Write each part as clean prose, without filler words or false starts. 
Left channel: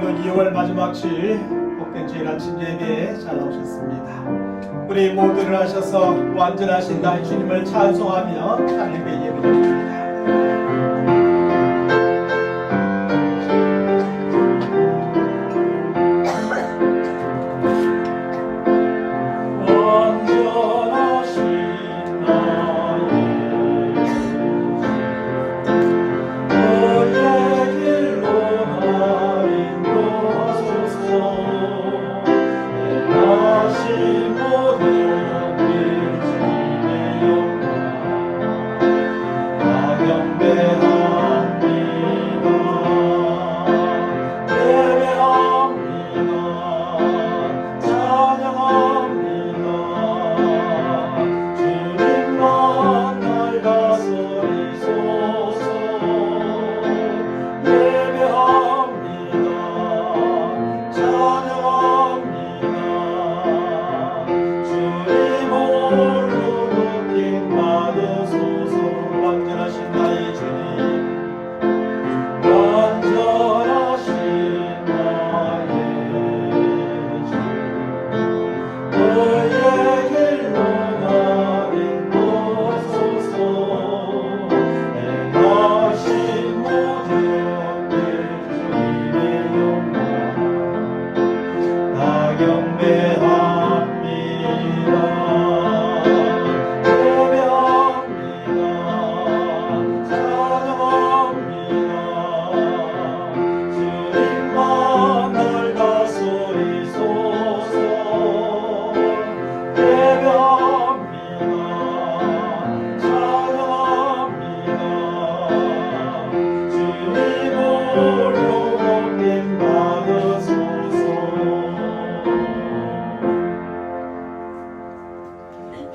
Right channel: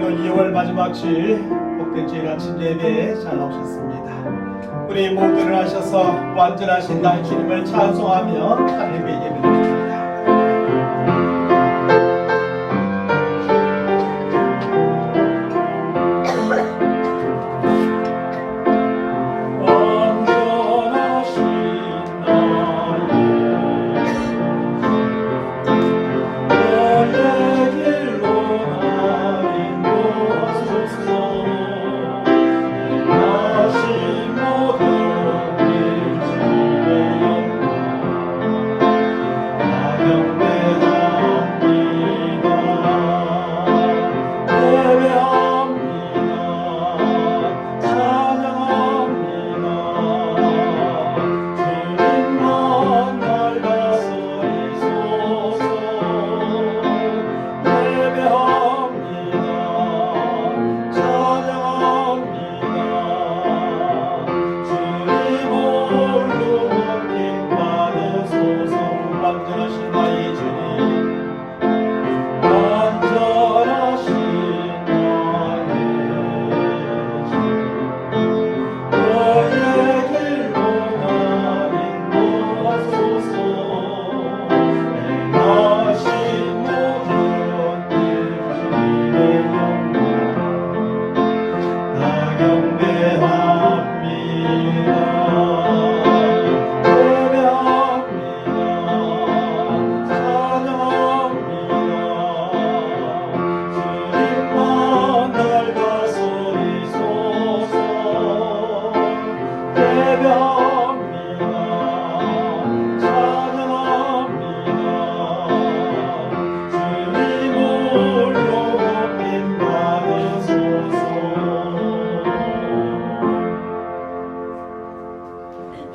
오늘도 2월 마지막 주일 복된 주일 아침 예배에 잘 나오셨습니다. 우리 모두 일어나셔서 완전하신 나의 주님을 찬송하며 하나님의 예배를 드립니다.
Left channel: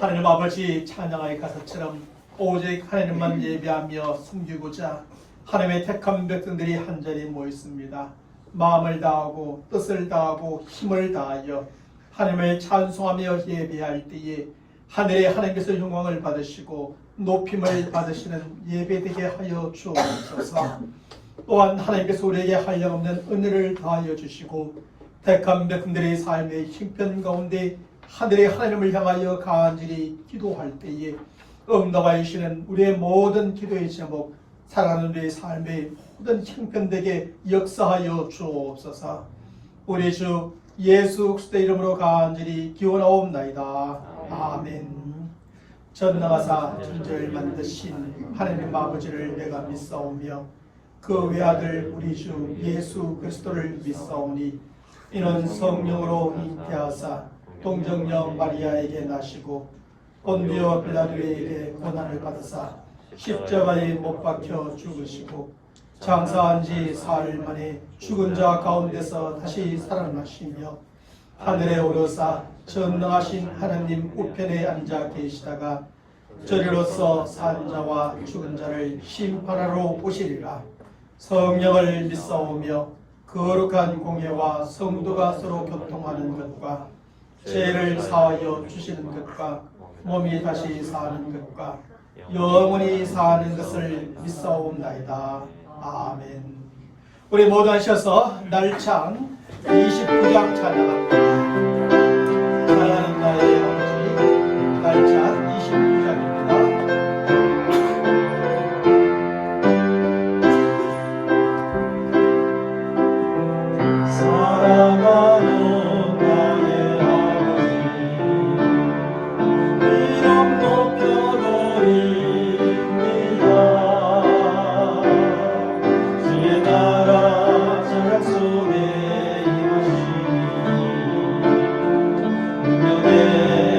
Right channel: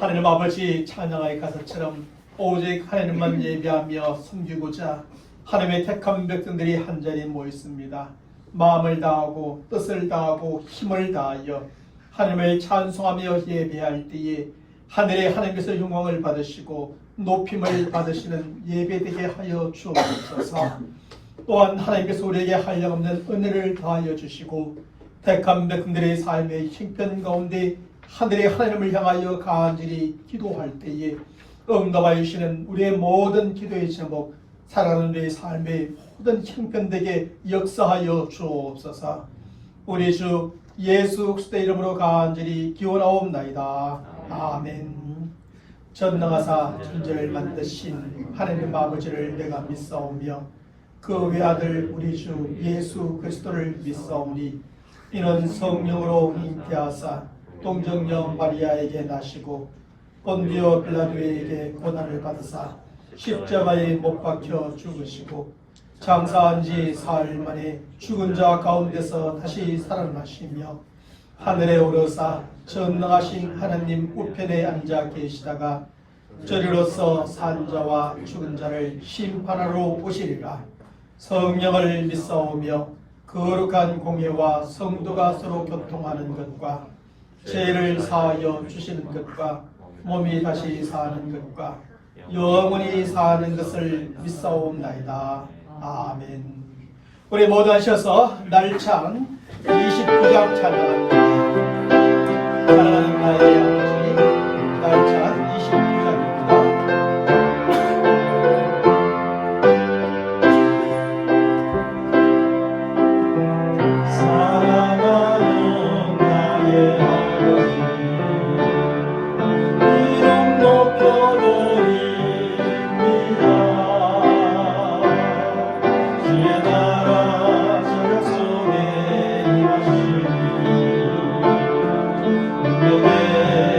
하나님 아버지, 찬양하의 가사처럼 오직 하나님만 예배하며 섬기고자 하나님의 택한 백성들이 한자리에 모였습니다. 마음을 다하고 뜻을 다하고 힘을 다하여 하나님을 찬송하며 예배할 때에 하늘의 하나님께서 영광을 받으시고 높임을 받으시는 예배되게 하여 주옵소서. 또한 하나님께서 우리에게 한량없는 은혜를 다하여 주시고 택한 백성들의 삶의 형편 가운데 하늘의 하나님을 향하여 간절히 기도할 때에 응답하여 주시는 우리의 모든 기도의 제목, 살아가는 우리의 삶의 모든 형편되게 역사하여 주옵소서. 우리 주 예수 그리스도의 이름으로 간절히 기원하옵나이다. 아멘. 전능하사 천지를 만드신 하나님 아버지를 내가 믿사오며 그 외아들 우리 주 예수 그리스도를 믿사오니 이는 성령으로 잉태하사 동정녀 마리아에게 나시고 본디오 빌라도에게 고난을 받으사 십자가에 못 박혀 죽으시고 장사한 지 사흘 만에 죽은 자 가운데서 다시 살아나시며 하늘에 오르사 전능하신 하나님 우편에 앉아 계시다가 저리로서 산 자와 죽은 자를 심판하러 오시리라. 성령을 믿사오며 거룩한 공예와 성도가 서로 교통하는 것과 죄를 사하여 주시는 것과 몸이 다시 사는 것과 영원히 사는 것을 믿사옵나이다. 아멘. 우리 모두 하셔서 날찬 29장 찬양합니다. 사랑하는 나의 아버지, 날찬 29장입니다. Yeah.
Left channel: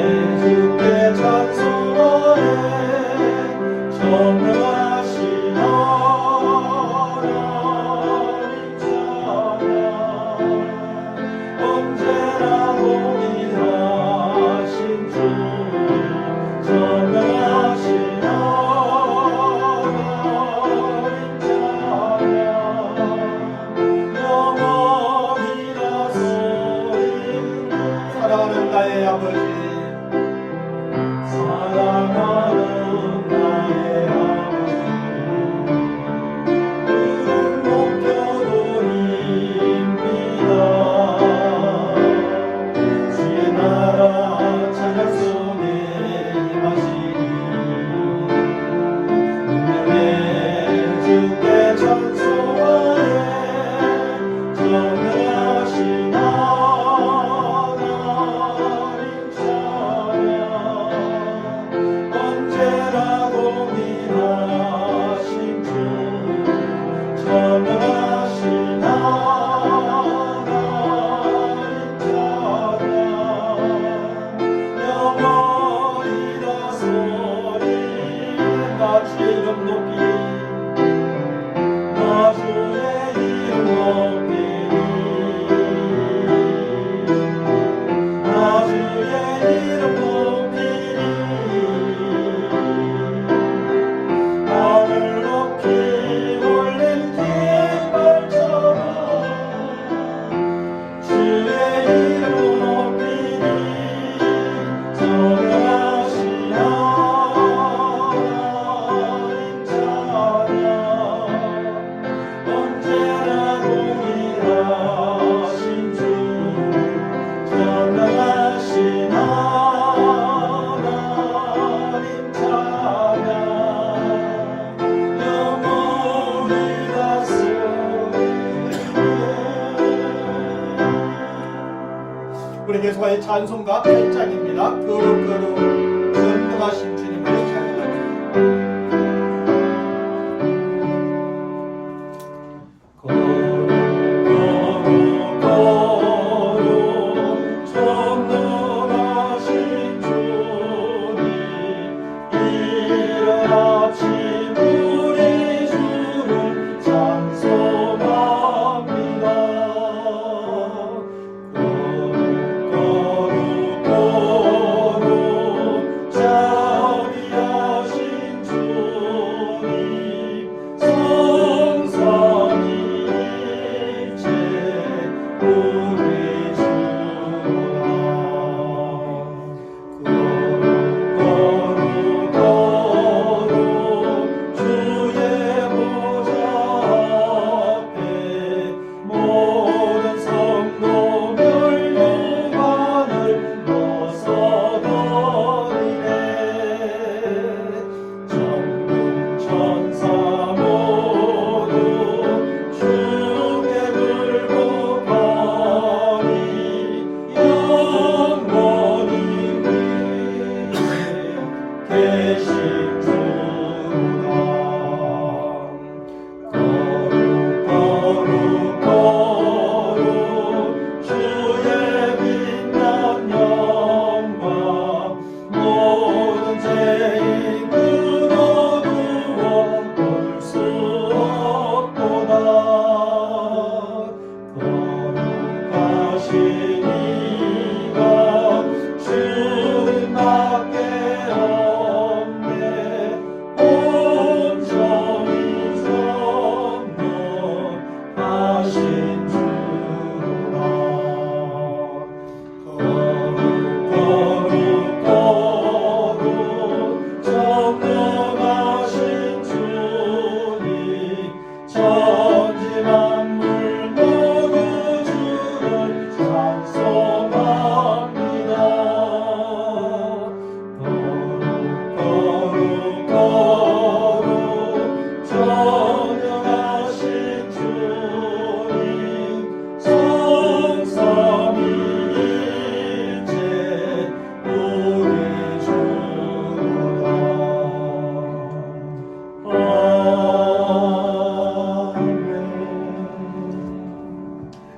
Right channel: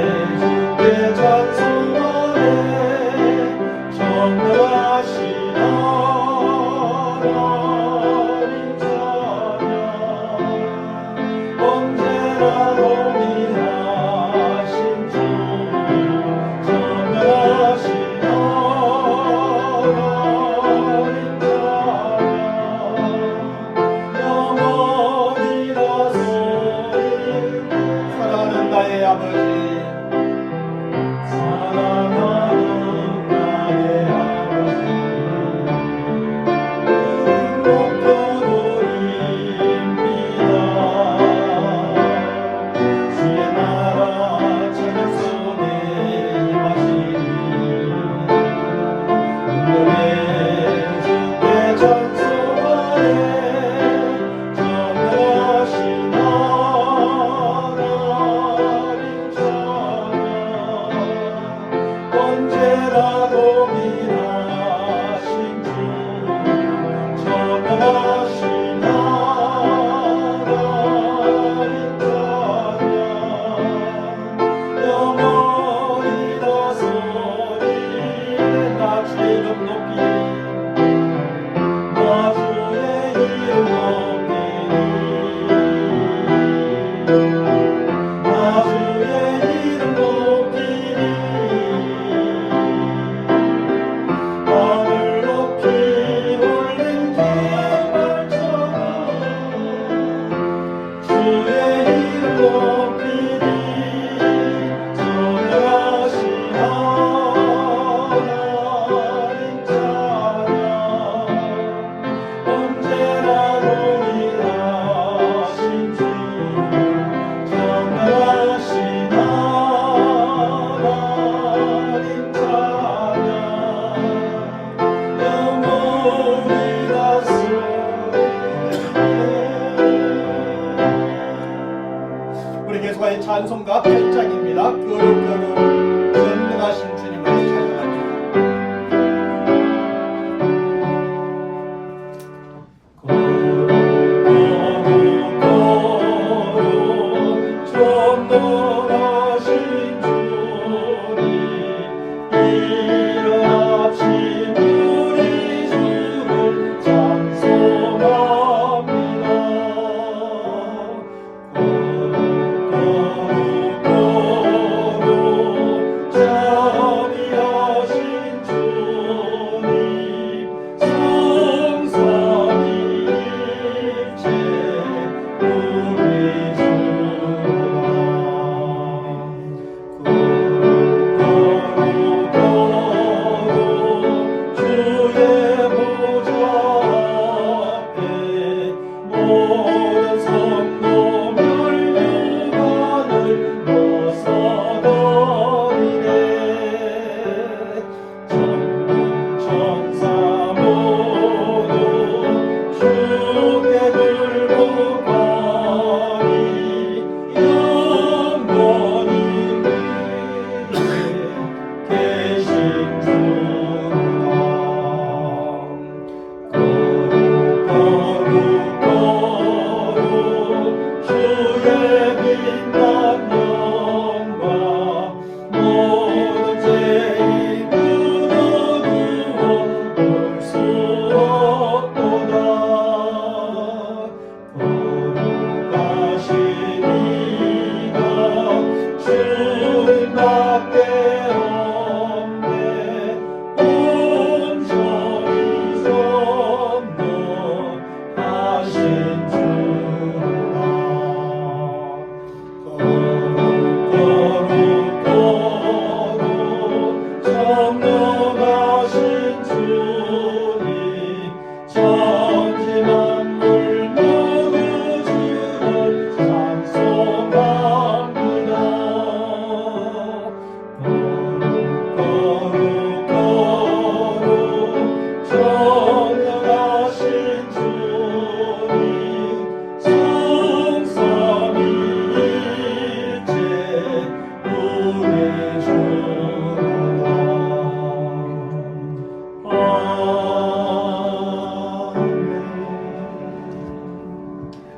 예수와의 찬송가 8장입니다. 거룩 전능하신 주님을 찬양합니다.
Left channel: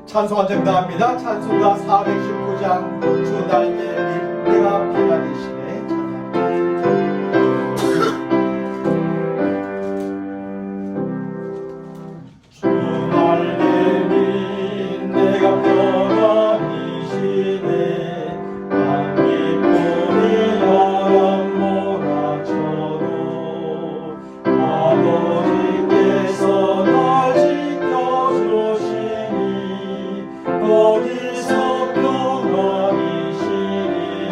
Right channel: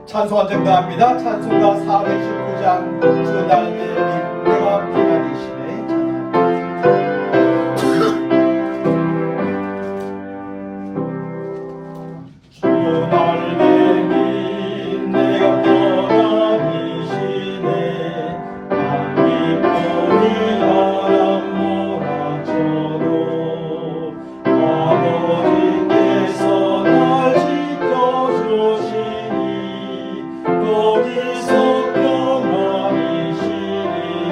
찬송한 정답입니다. 찬송가 419장 주 날개리 내가 피난이시네 찬양합니다. 주 날개리 내가 피난이시네 안기포니 바람 몰아쳐도 아버지께서 날 지켜주시니 거기서 평안히 쉬리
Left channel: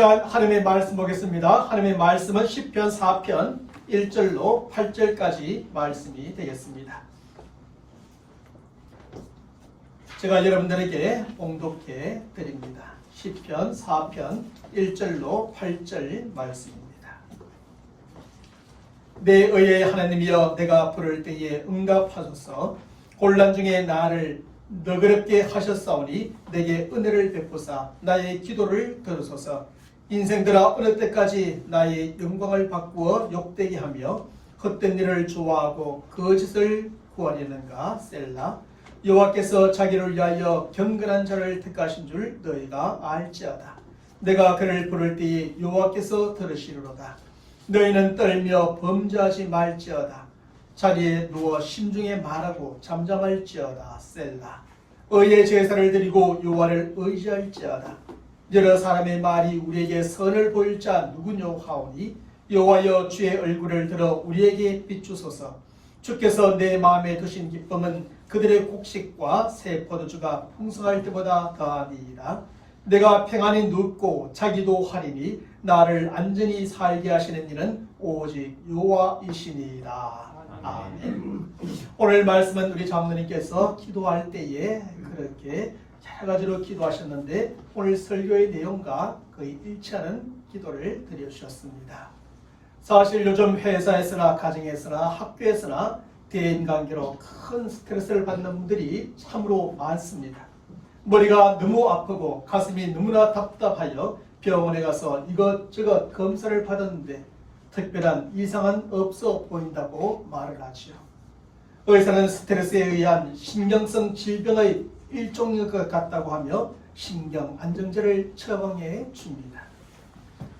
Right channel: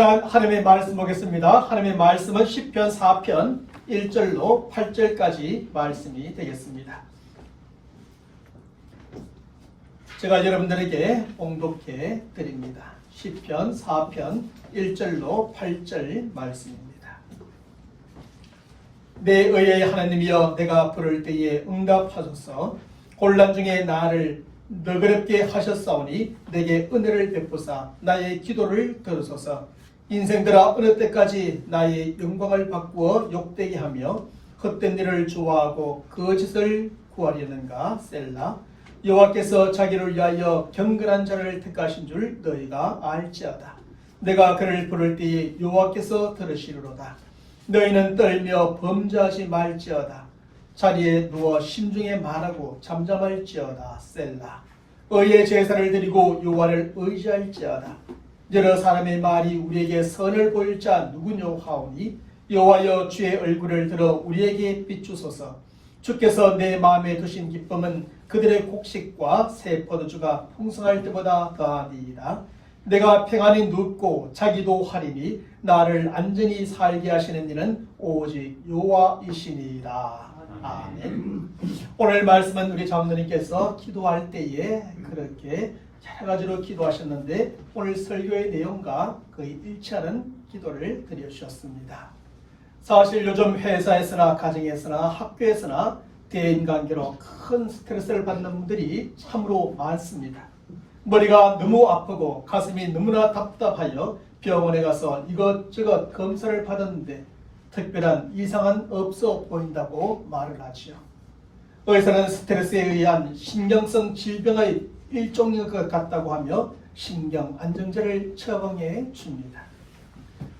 시간 하나님의 말씀 보겠습니다. 하나님의 말씀은 시편 4편 1절로 8절까지 말씀이 되겠습니다. 제가 여러분들에게 봉독해 드립니다. 시편 4편 1절로 8절 말씀입니다. 내 의의 하나님이여, 내가 부를 때에 응답하소서. 곤란 중에 나를 너그럽게 하셨사오니 내게 은혜를 베푸사 나의 기도를 들으소서. 인생들아, 어느 때까지 나의 영광을 바꾸어 욕되게 하며 헛된 일을 좋아하고 거짓을 구하려는가. 셀라. 여호와께서 자기를 위하여 경건한 자를 택하신 줄 너희가 알지어다. 내가 그를 부를 때에 여호와께서 들으시리로다. 너희는 떨며 범죄하지 말지어다. 자리에 누워 심중에 말하고 잠잠할지어다. 셀라. 의의 제사를 드리고 여호와를 의지할지어다. 여러 사람의 말이 우리에게 선을 보일 자 누구뇨 하오니, 여호와여, 주의 얼굴을 들어 우리에게 비추소서. 주께서 내 마음에 두신 기쁨은 그들의 곡식과 새 포도주가 풍성할 때보다 더하니이다. 내가 평안히 눕고 자기도 하리니 나를 안전히 살게 하시는 이는 오직 여호와이시니이다. 아멘. 오늘 말씀은 우리 장로님께서 기도할 때에 그렇게 여러 가지로 기도하셨는데 오늘 설교의 내용과 거의 일치하는 기도를 드려주셨습니다. 사실 요즘 회사에서나 가정에서나 학교에서나 대인관계로 큰 스트레스를 받는 분들이 참으로 많습니다. 머리가 너무 아프고 가슴이 너무나 답답하여 병원에 가서 이것저것 검사를 받았는데 특별한 이상은 없어 보인다고 말을 하지요. 의사는 스트레스에 의한 신경성 질병의 일종인 것 같다고 하며 신경 안정제를 처방해 줍니다.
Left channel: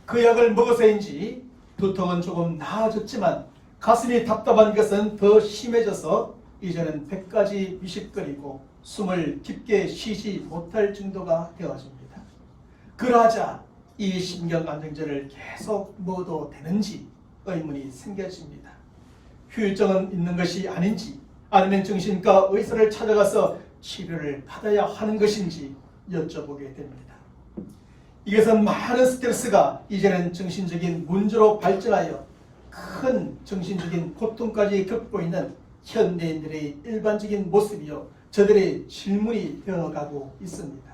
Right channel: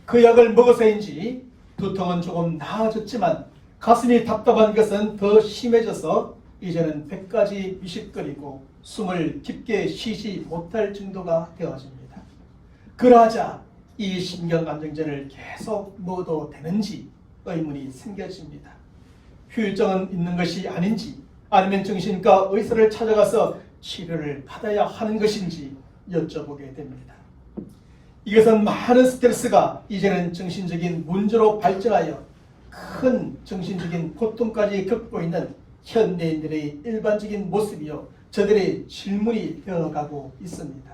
그 약을 먹어서인지 두통은 조금 나아졌지만 가슴이 답답한 것은 더 심해져서 이제는 배까지 미식거리고 숨을 깊게 쉬지 못할 정도가 되어집니다. 그러자 이 신경 안정제를 계속 먹어도 되는지 의문이 생겨집니다. 후유증은 있는 것이 아닌지, 아니면 정신과 의사를 찾아가서 치료를 받아야 하는 것인지 여쭤보게 됩니다. 이것은 많은 스트레스가 이제는 정신적인 문제로 발전하여 큰 정신적인 고통까지 겪고 있는 현대인들의 일반적인 모습이요, 저들의 질문이 되어가고 있습니다.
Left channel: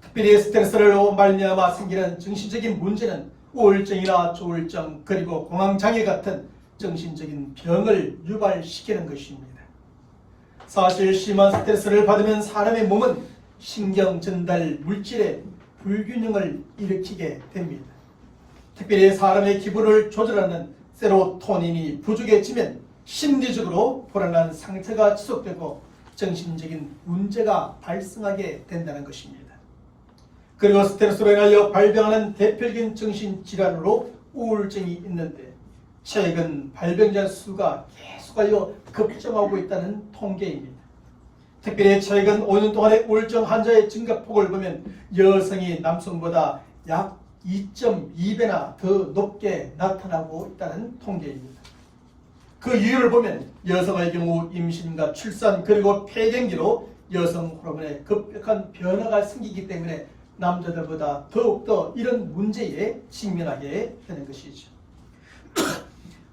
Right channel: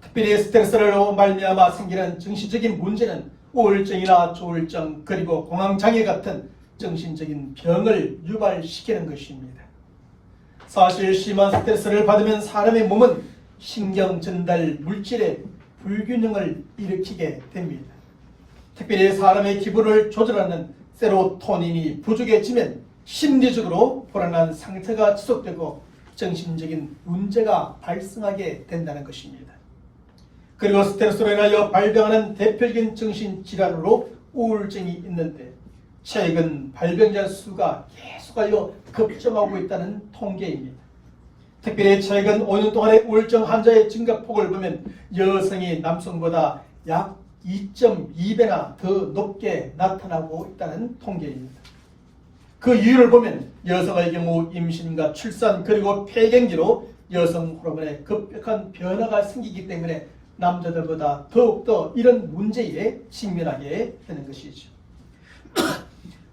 특별히 스트레스로 말미암아 생기는 정신적인 문제는 우울증이나 조울증 그리고 공황장애 같은 정신적인 병을 유발시키는 것입니다. 사실 심한 스트레스를 받으면 사람의 몸은 신경 전달 물질의 불균형을 일으키게 됩니다. 특별히 사람의 기분을 조절하는 세로토닌이 부족해지면 심리적으로 불안한 상태가 지속되고 정신적인 문제가 발생하게 된다는 것입니다. 그리고 스트레스로 인하여 발병하는 대표적인 정신질환으로 우울증이 있는데 최근 발병자 수가 계속하여 급증하고 있다는 통계입니다. 특별히 최근 5년 동안의 우울증 환자의 증가폭을 보면 여성이 남성보다 약 2.2배나 더 높게 나타나고 있다는 통계입니다. 그 이유를 보면 여성의 경우 임신과 출산 그리고 폐경기로 여성 호르몬에 급격한 변화가 생기기 때문에 남자들보다 더욱더 이런 문제에 직면하게 되는 것이죠.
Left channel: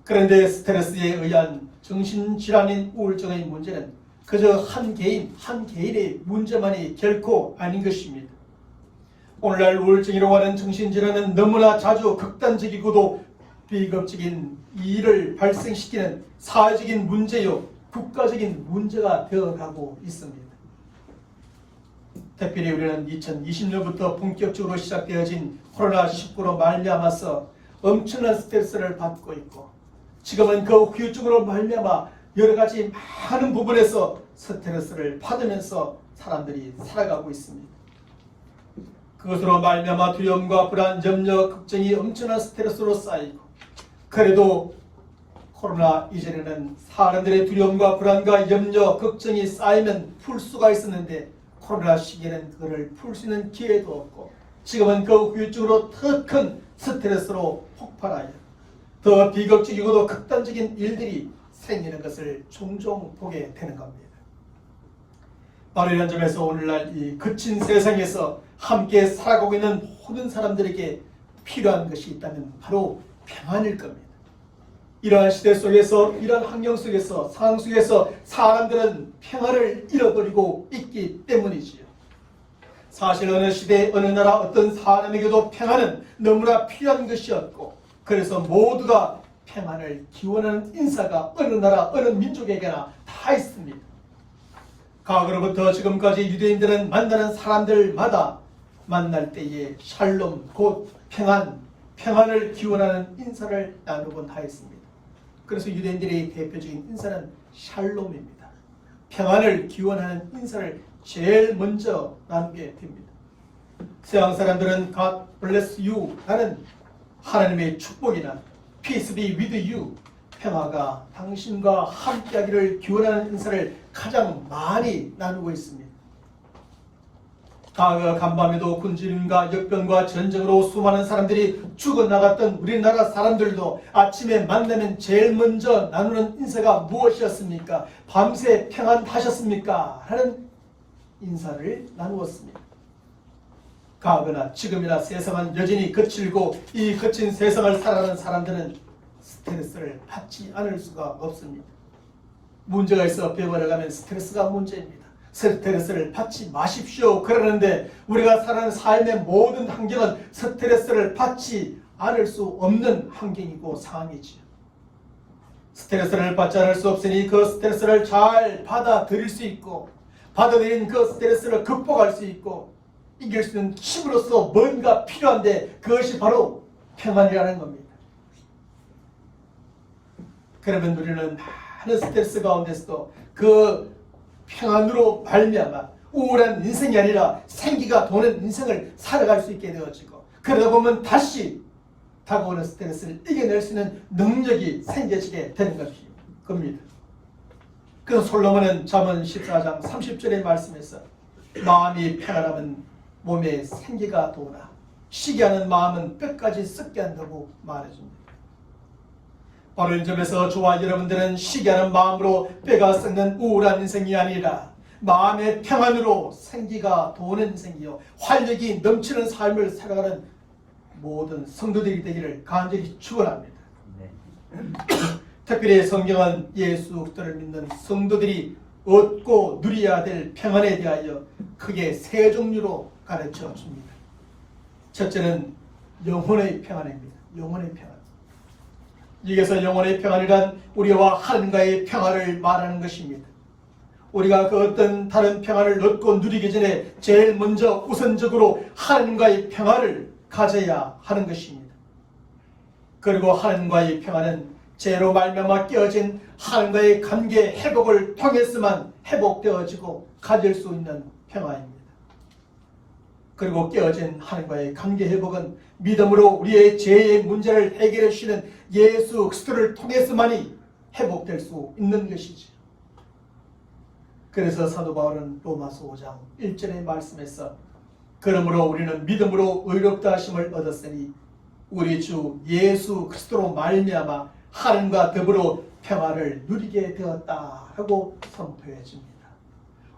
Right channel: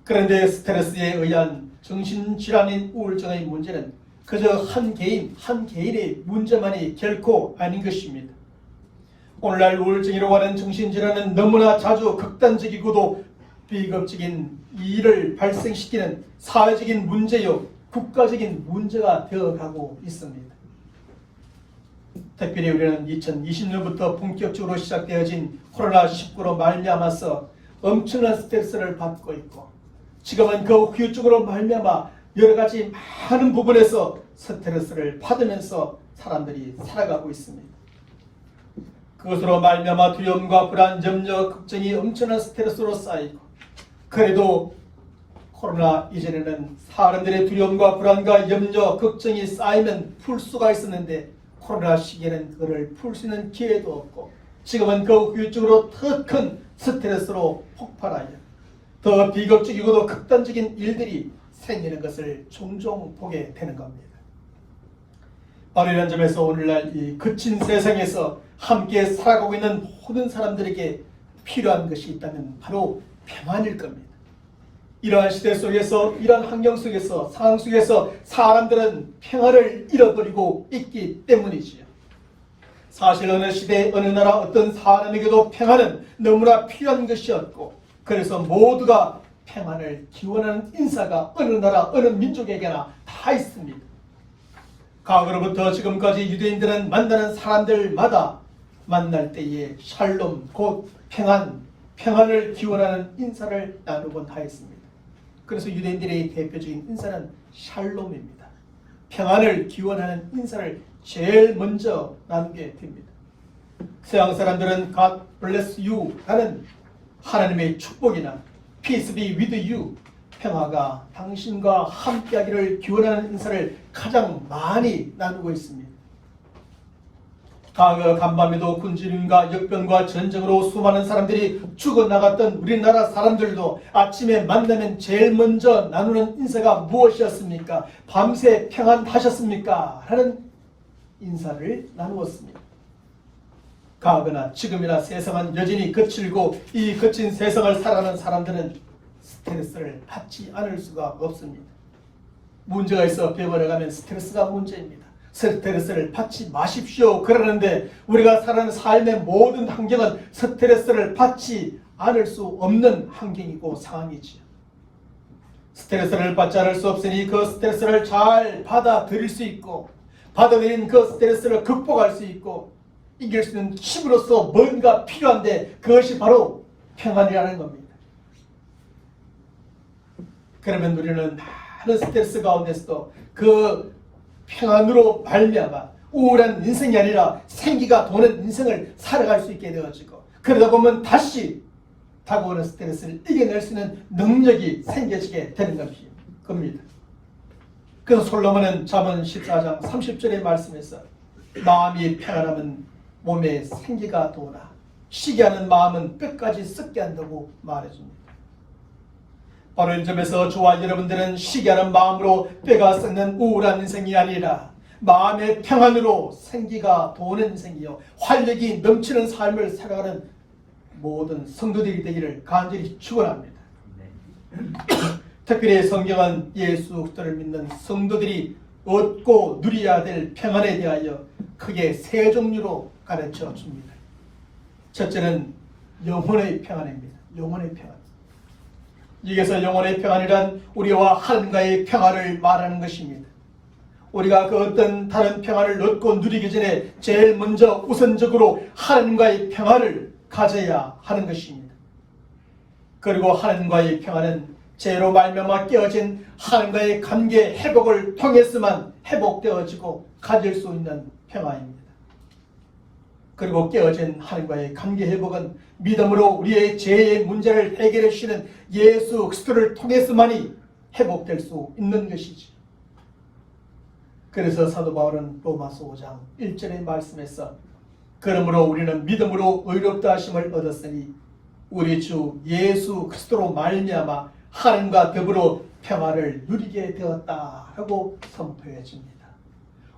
그런데 스트레스에 의한 정신질환인 우울증의 문제는 그저 한 개인의 문제만이 결코 아닌 것입니다. 오늘날 우울증이라고 하는 정신질환은 너무나 자주 극단적이고도 비극적인 일을 발생시키는 사회적인 문제요, 국가적인 문제가 되어가고 있습니다. 특별히 우리는 2020년부터 본격적으로 시작되어진 코로나19로 말미암아서 엄청난 스트레스를 받고 있고 지금은 그 후유증으로 말미암아 여러 가지 많은 부분에서 스트레스를 받으면서 사람들이 살아가고 있습니다. 그것으로 말미암아 두려움과 불안, 염려, 걱정이 엄청난 스트레스로 쌓이고 그래도 코로나 이전에는 사람들의 두려움과 불안과 염려, 걱정이 쌓이면 풀 수가 있었는데 코로나 시기에는 그걸 풀 수 있는 기회도 없고 지금은 그 후유증으로 더 큰 스트레스로 폭발하여 더 비극적이고도 극단적인 일들이 생기는 것을 종종 보게 되는 겁니다. 바로 이런 점에서 오늘날 이 거친 세상에서 함께 살아가고 있는 모든 사람들에게 필요한 것이 있다면 바로 평안일 겁니다. 이러한 시대 속에서, 이러한 환경 속에서, 상황 속에서 사람들은 평안을 잃어버리고 있기 때문이지요. 사실 어느 시대, 어느 나라, 어떤 사람에게도 평안은 너무나 필요한 것이었고, 그래서 모두가 평안을 기원하는 인사가 어느 나라, 어느 민족에게나 다 있습니다. 과거로부터 지금까지 유대인들은 만나는 사람들마다 만날 때에 샬롬, 곧 평안을 기원하는 인사를 나누곤 하였습니다. 그래서 유대인들의 대표적인 인사는 샬롬입니다. 평안을 기원하는 인사를 제일 먼저 나누게 됩니다. 서양 사람들은 God bless you 라는 하나님의 축복이나 Peace be with you, 평화가 당신과 함께하기를 기원하는 인사를 가장 많이 나누고 있습니다. 과거 간밤에도 군진과 역병과 전쟁으로 수많은 사람들이 죽어나갔던 우리나라 사람들도 아침에 만나면 제일 먼저 나누는 인사가 무엇이었습니까? 밤새 평안하셨습니까? 하는 인사를 나누었습니다. 과거나 지금이나 세상은 여전히 거칠고 이 거친 세상을 살아가는 사람들은 스트레스를 받지 않을 수가 없습니다. 문제가 있어 병원에 가면 스트레스가 문제입니다. 스트레스를 받지 마십시오 그러는데 우리가 살아가는 삶의 모든 환경은 스트레스를 받지 않을 수 없는 환경이고 상황이지요. 스트레스를 받지 않을 수 없으니 그 스트레스를 잘 받아들일 수 있고, 받아들인 그 스트레스를 극복할 수 있고 이길 수 있는 힘으로서 뭔가 필요한데 그것이 바로 평안이라는 겁니다. 그러면 우리는 많은 스트레스 가운데서도 그 평안으로 말미암아 우울한 인생이 아니라 생기가 도는 인생을 살아갈 수 있게 되어지고, 그러다 보면 다시 다가오는 스트레스를 이겨낼 수 있는 능력이 생겨지게 되는 겁니다. 그래서 솔로몬은 잠언 14장 30절의 말씀에서 마음이 평안하면 몸에 생기가 도나 시기하는 마음은 뼈까지 썩게 한다고 말해줍니다. 바로 이 점에서 저와 여러분들은 시기하는 마음으로 뼈가 썩는 우울한 인생이 아니라 마음의 평안으로 생기가 도는 인생이요 활력이 넘치는 삶을 살아가는 모든 성도들이 되기를 간절히 축원합니다. 특별히 성경은 예수 그리스도를 믿는 성도들이 얻고 누려야 될 평안에 대하여 크게 세 종류로 가르쳐 줍니다. 첫째는 영혼의 평안입니다. 영혼의 평안. 여기서 영혼의 평안이란 우리와 하나님과의 평화를 말하는 것입니다. 우리가 그 어떤 다른 평안을 얻고 누리기 전에 제일 먼저 우선적으로 하나님과의 평안을 가져야 하는 것입니다. 그리고 하나님과의 평안은 죄로 말미암아 깨어진 하나님과의 관계 회복을 통해서만 회복되어지고 가질 수 있는 평안입니다. 그리고 깨어진 하나님과의 관계 회복은 믿음으로 우리의 죄의 문제를 해결해 주시는 예수 그리스도를 통해서만이 회복될 수 있는 것이죠. 그래서 사도 바울은 로마서 5장 1절의 말씀에서 그러므로 우리는 믿음으로 의롭다 하심을 얻었으니 우리 주 예수 그리스도로 말미암아 하나님과 더불어 평화를 누리게 되었다라고 선포해 줍니다.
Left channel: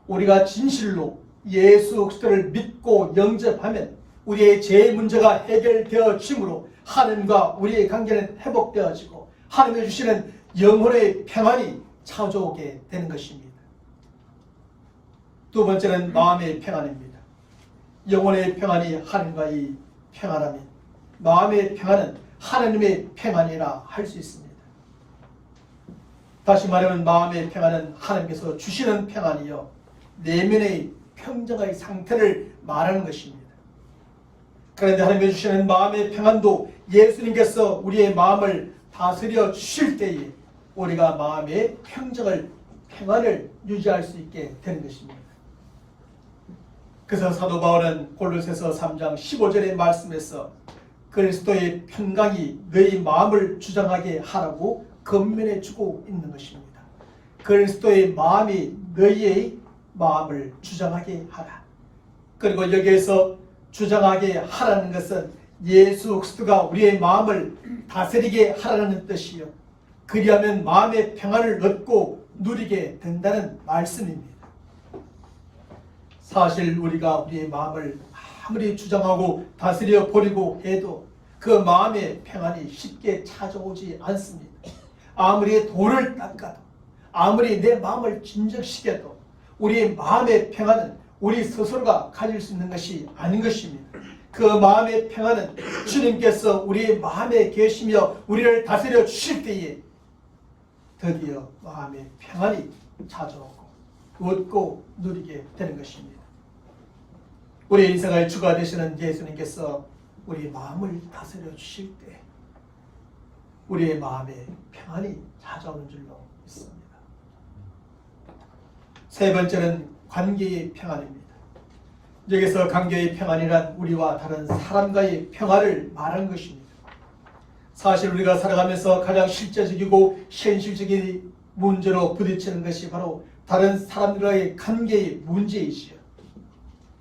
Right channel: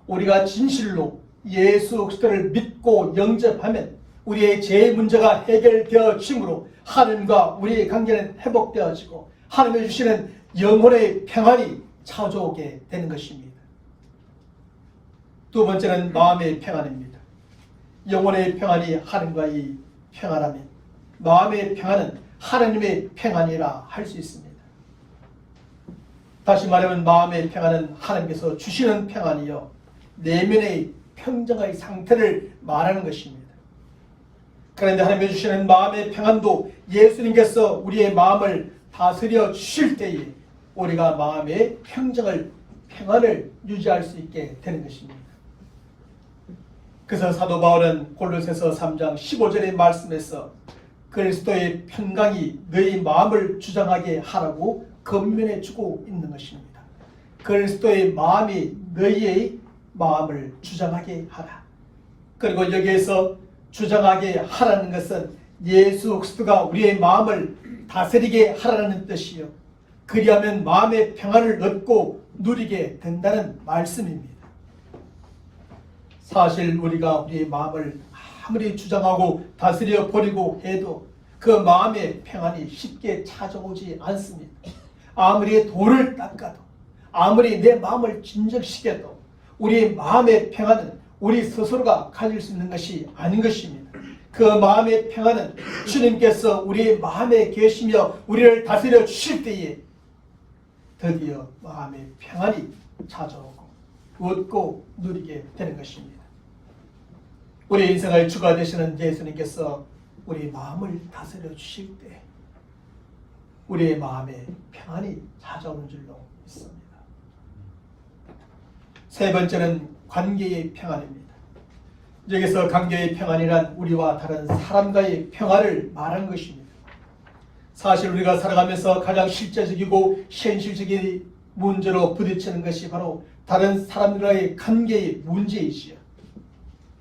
우리가 진실로 예수 그리스도를 믿고 영접하면 우리의 죄의 문제가 해결되어지므로 하나님과 우리의 관계는 회복되어지고 하나님이 주시는 영혼의 평안이 찾아오게 되는 것입니다. 두 번째는 마음의 평안입니다. 영혼의 평안이 하나님과의 평안하면 마음의 평안은 하나님의 평안이라 할 수 있습니다. 다시 말하면 마음의 평안은 하나님께서 주시는 평안이요 내면의 평정의 상태를 말하는 것입니다. 그런데 하나님이 주시는 마음의 평안도 예수님께서 우리의 마음을 다스려 주실 때에 우리가 마음의 평안을 유지할 수 있게 되는 것입니다. 그래서 사도 바울은 골로새서 3장 15절의 말씀에서 그리스도의 평강이 너희 마음을 주장하게 하라고 권면해 주고 있는 것입니다. 그리스도의 마음이 너희의 마음을 주장하게 하라. 그리고 여기에서 주장하게 하라는 것은 예수 그리스도가 우리의 마음을 다스리게 하라는 뜻이요 그리하면 마음의 평안을 얻고 누리게 된다는 말씀입니다. 사실 우리가 우리의 마음을 아무리 주장하고 다스려 버리고 해도 그 마음의 평안이 쉽게 찾아오지 않습니다. 아무리 돌을 닦아도, 아무리 내 마음을 진정시켜도 우리의 마음의 평안은 우리 스스로가 가질 수 있는 것이 아닌 것입니다. 그 마음의 평안은 주님께서 우리의 마음에 계시며 우리를 다스려 주실 때에 드디어 마음의 평안이 찾아오고 얻고 누리게 되는 것입니다. 우리 인생의 주가 되시는 예수님께서 우리 마음을 다스려 주실 때 우리의 마음에 평안이 찾아오는 줄로 믿습니다. 세 번째는 관계의 평안입니다. 여기서 관계의 평안이란 우리와 다른 사람과의 평화를 말하는 것입니다. 사실 우리가 살아가면서 가장 실제적이고 현실적인 문제로 부딪히는 것이 바로 다른 사람들과의 관계의 문제이지요.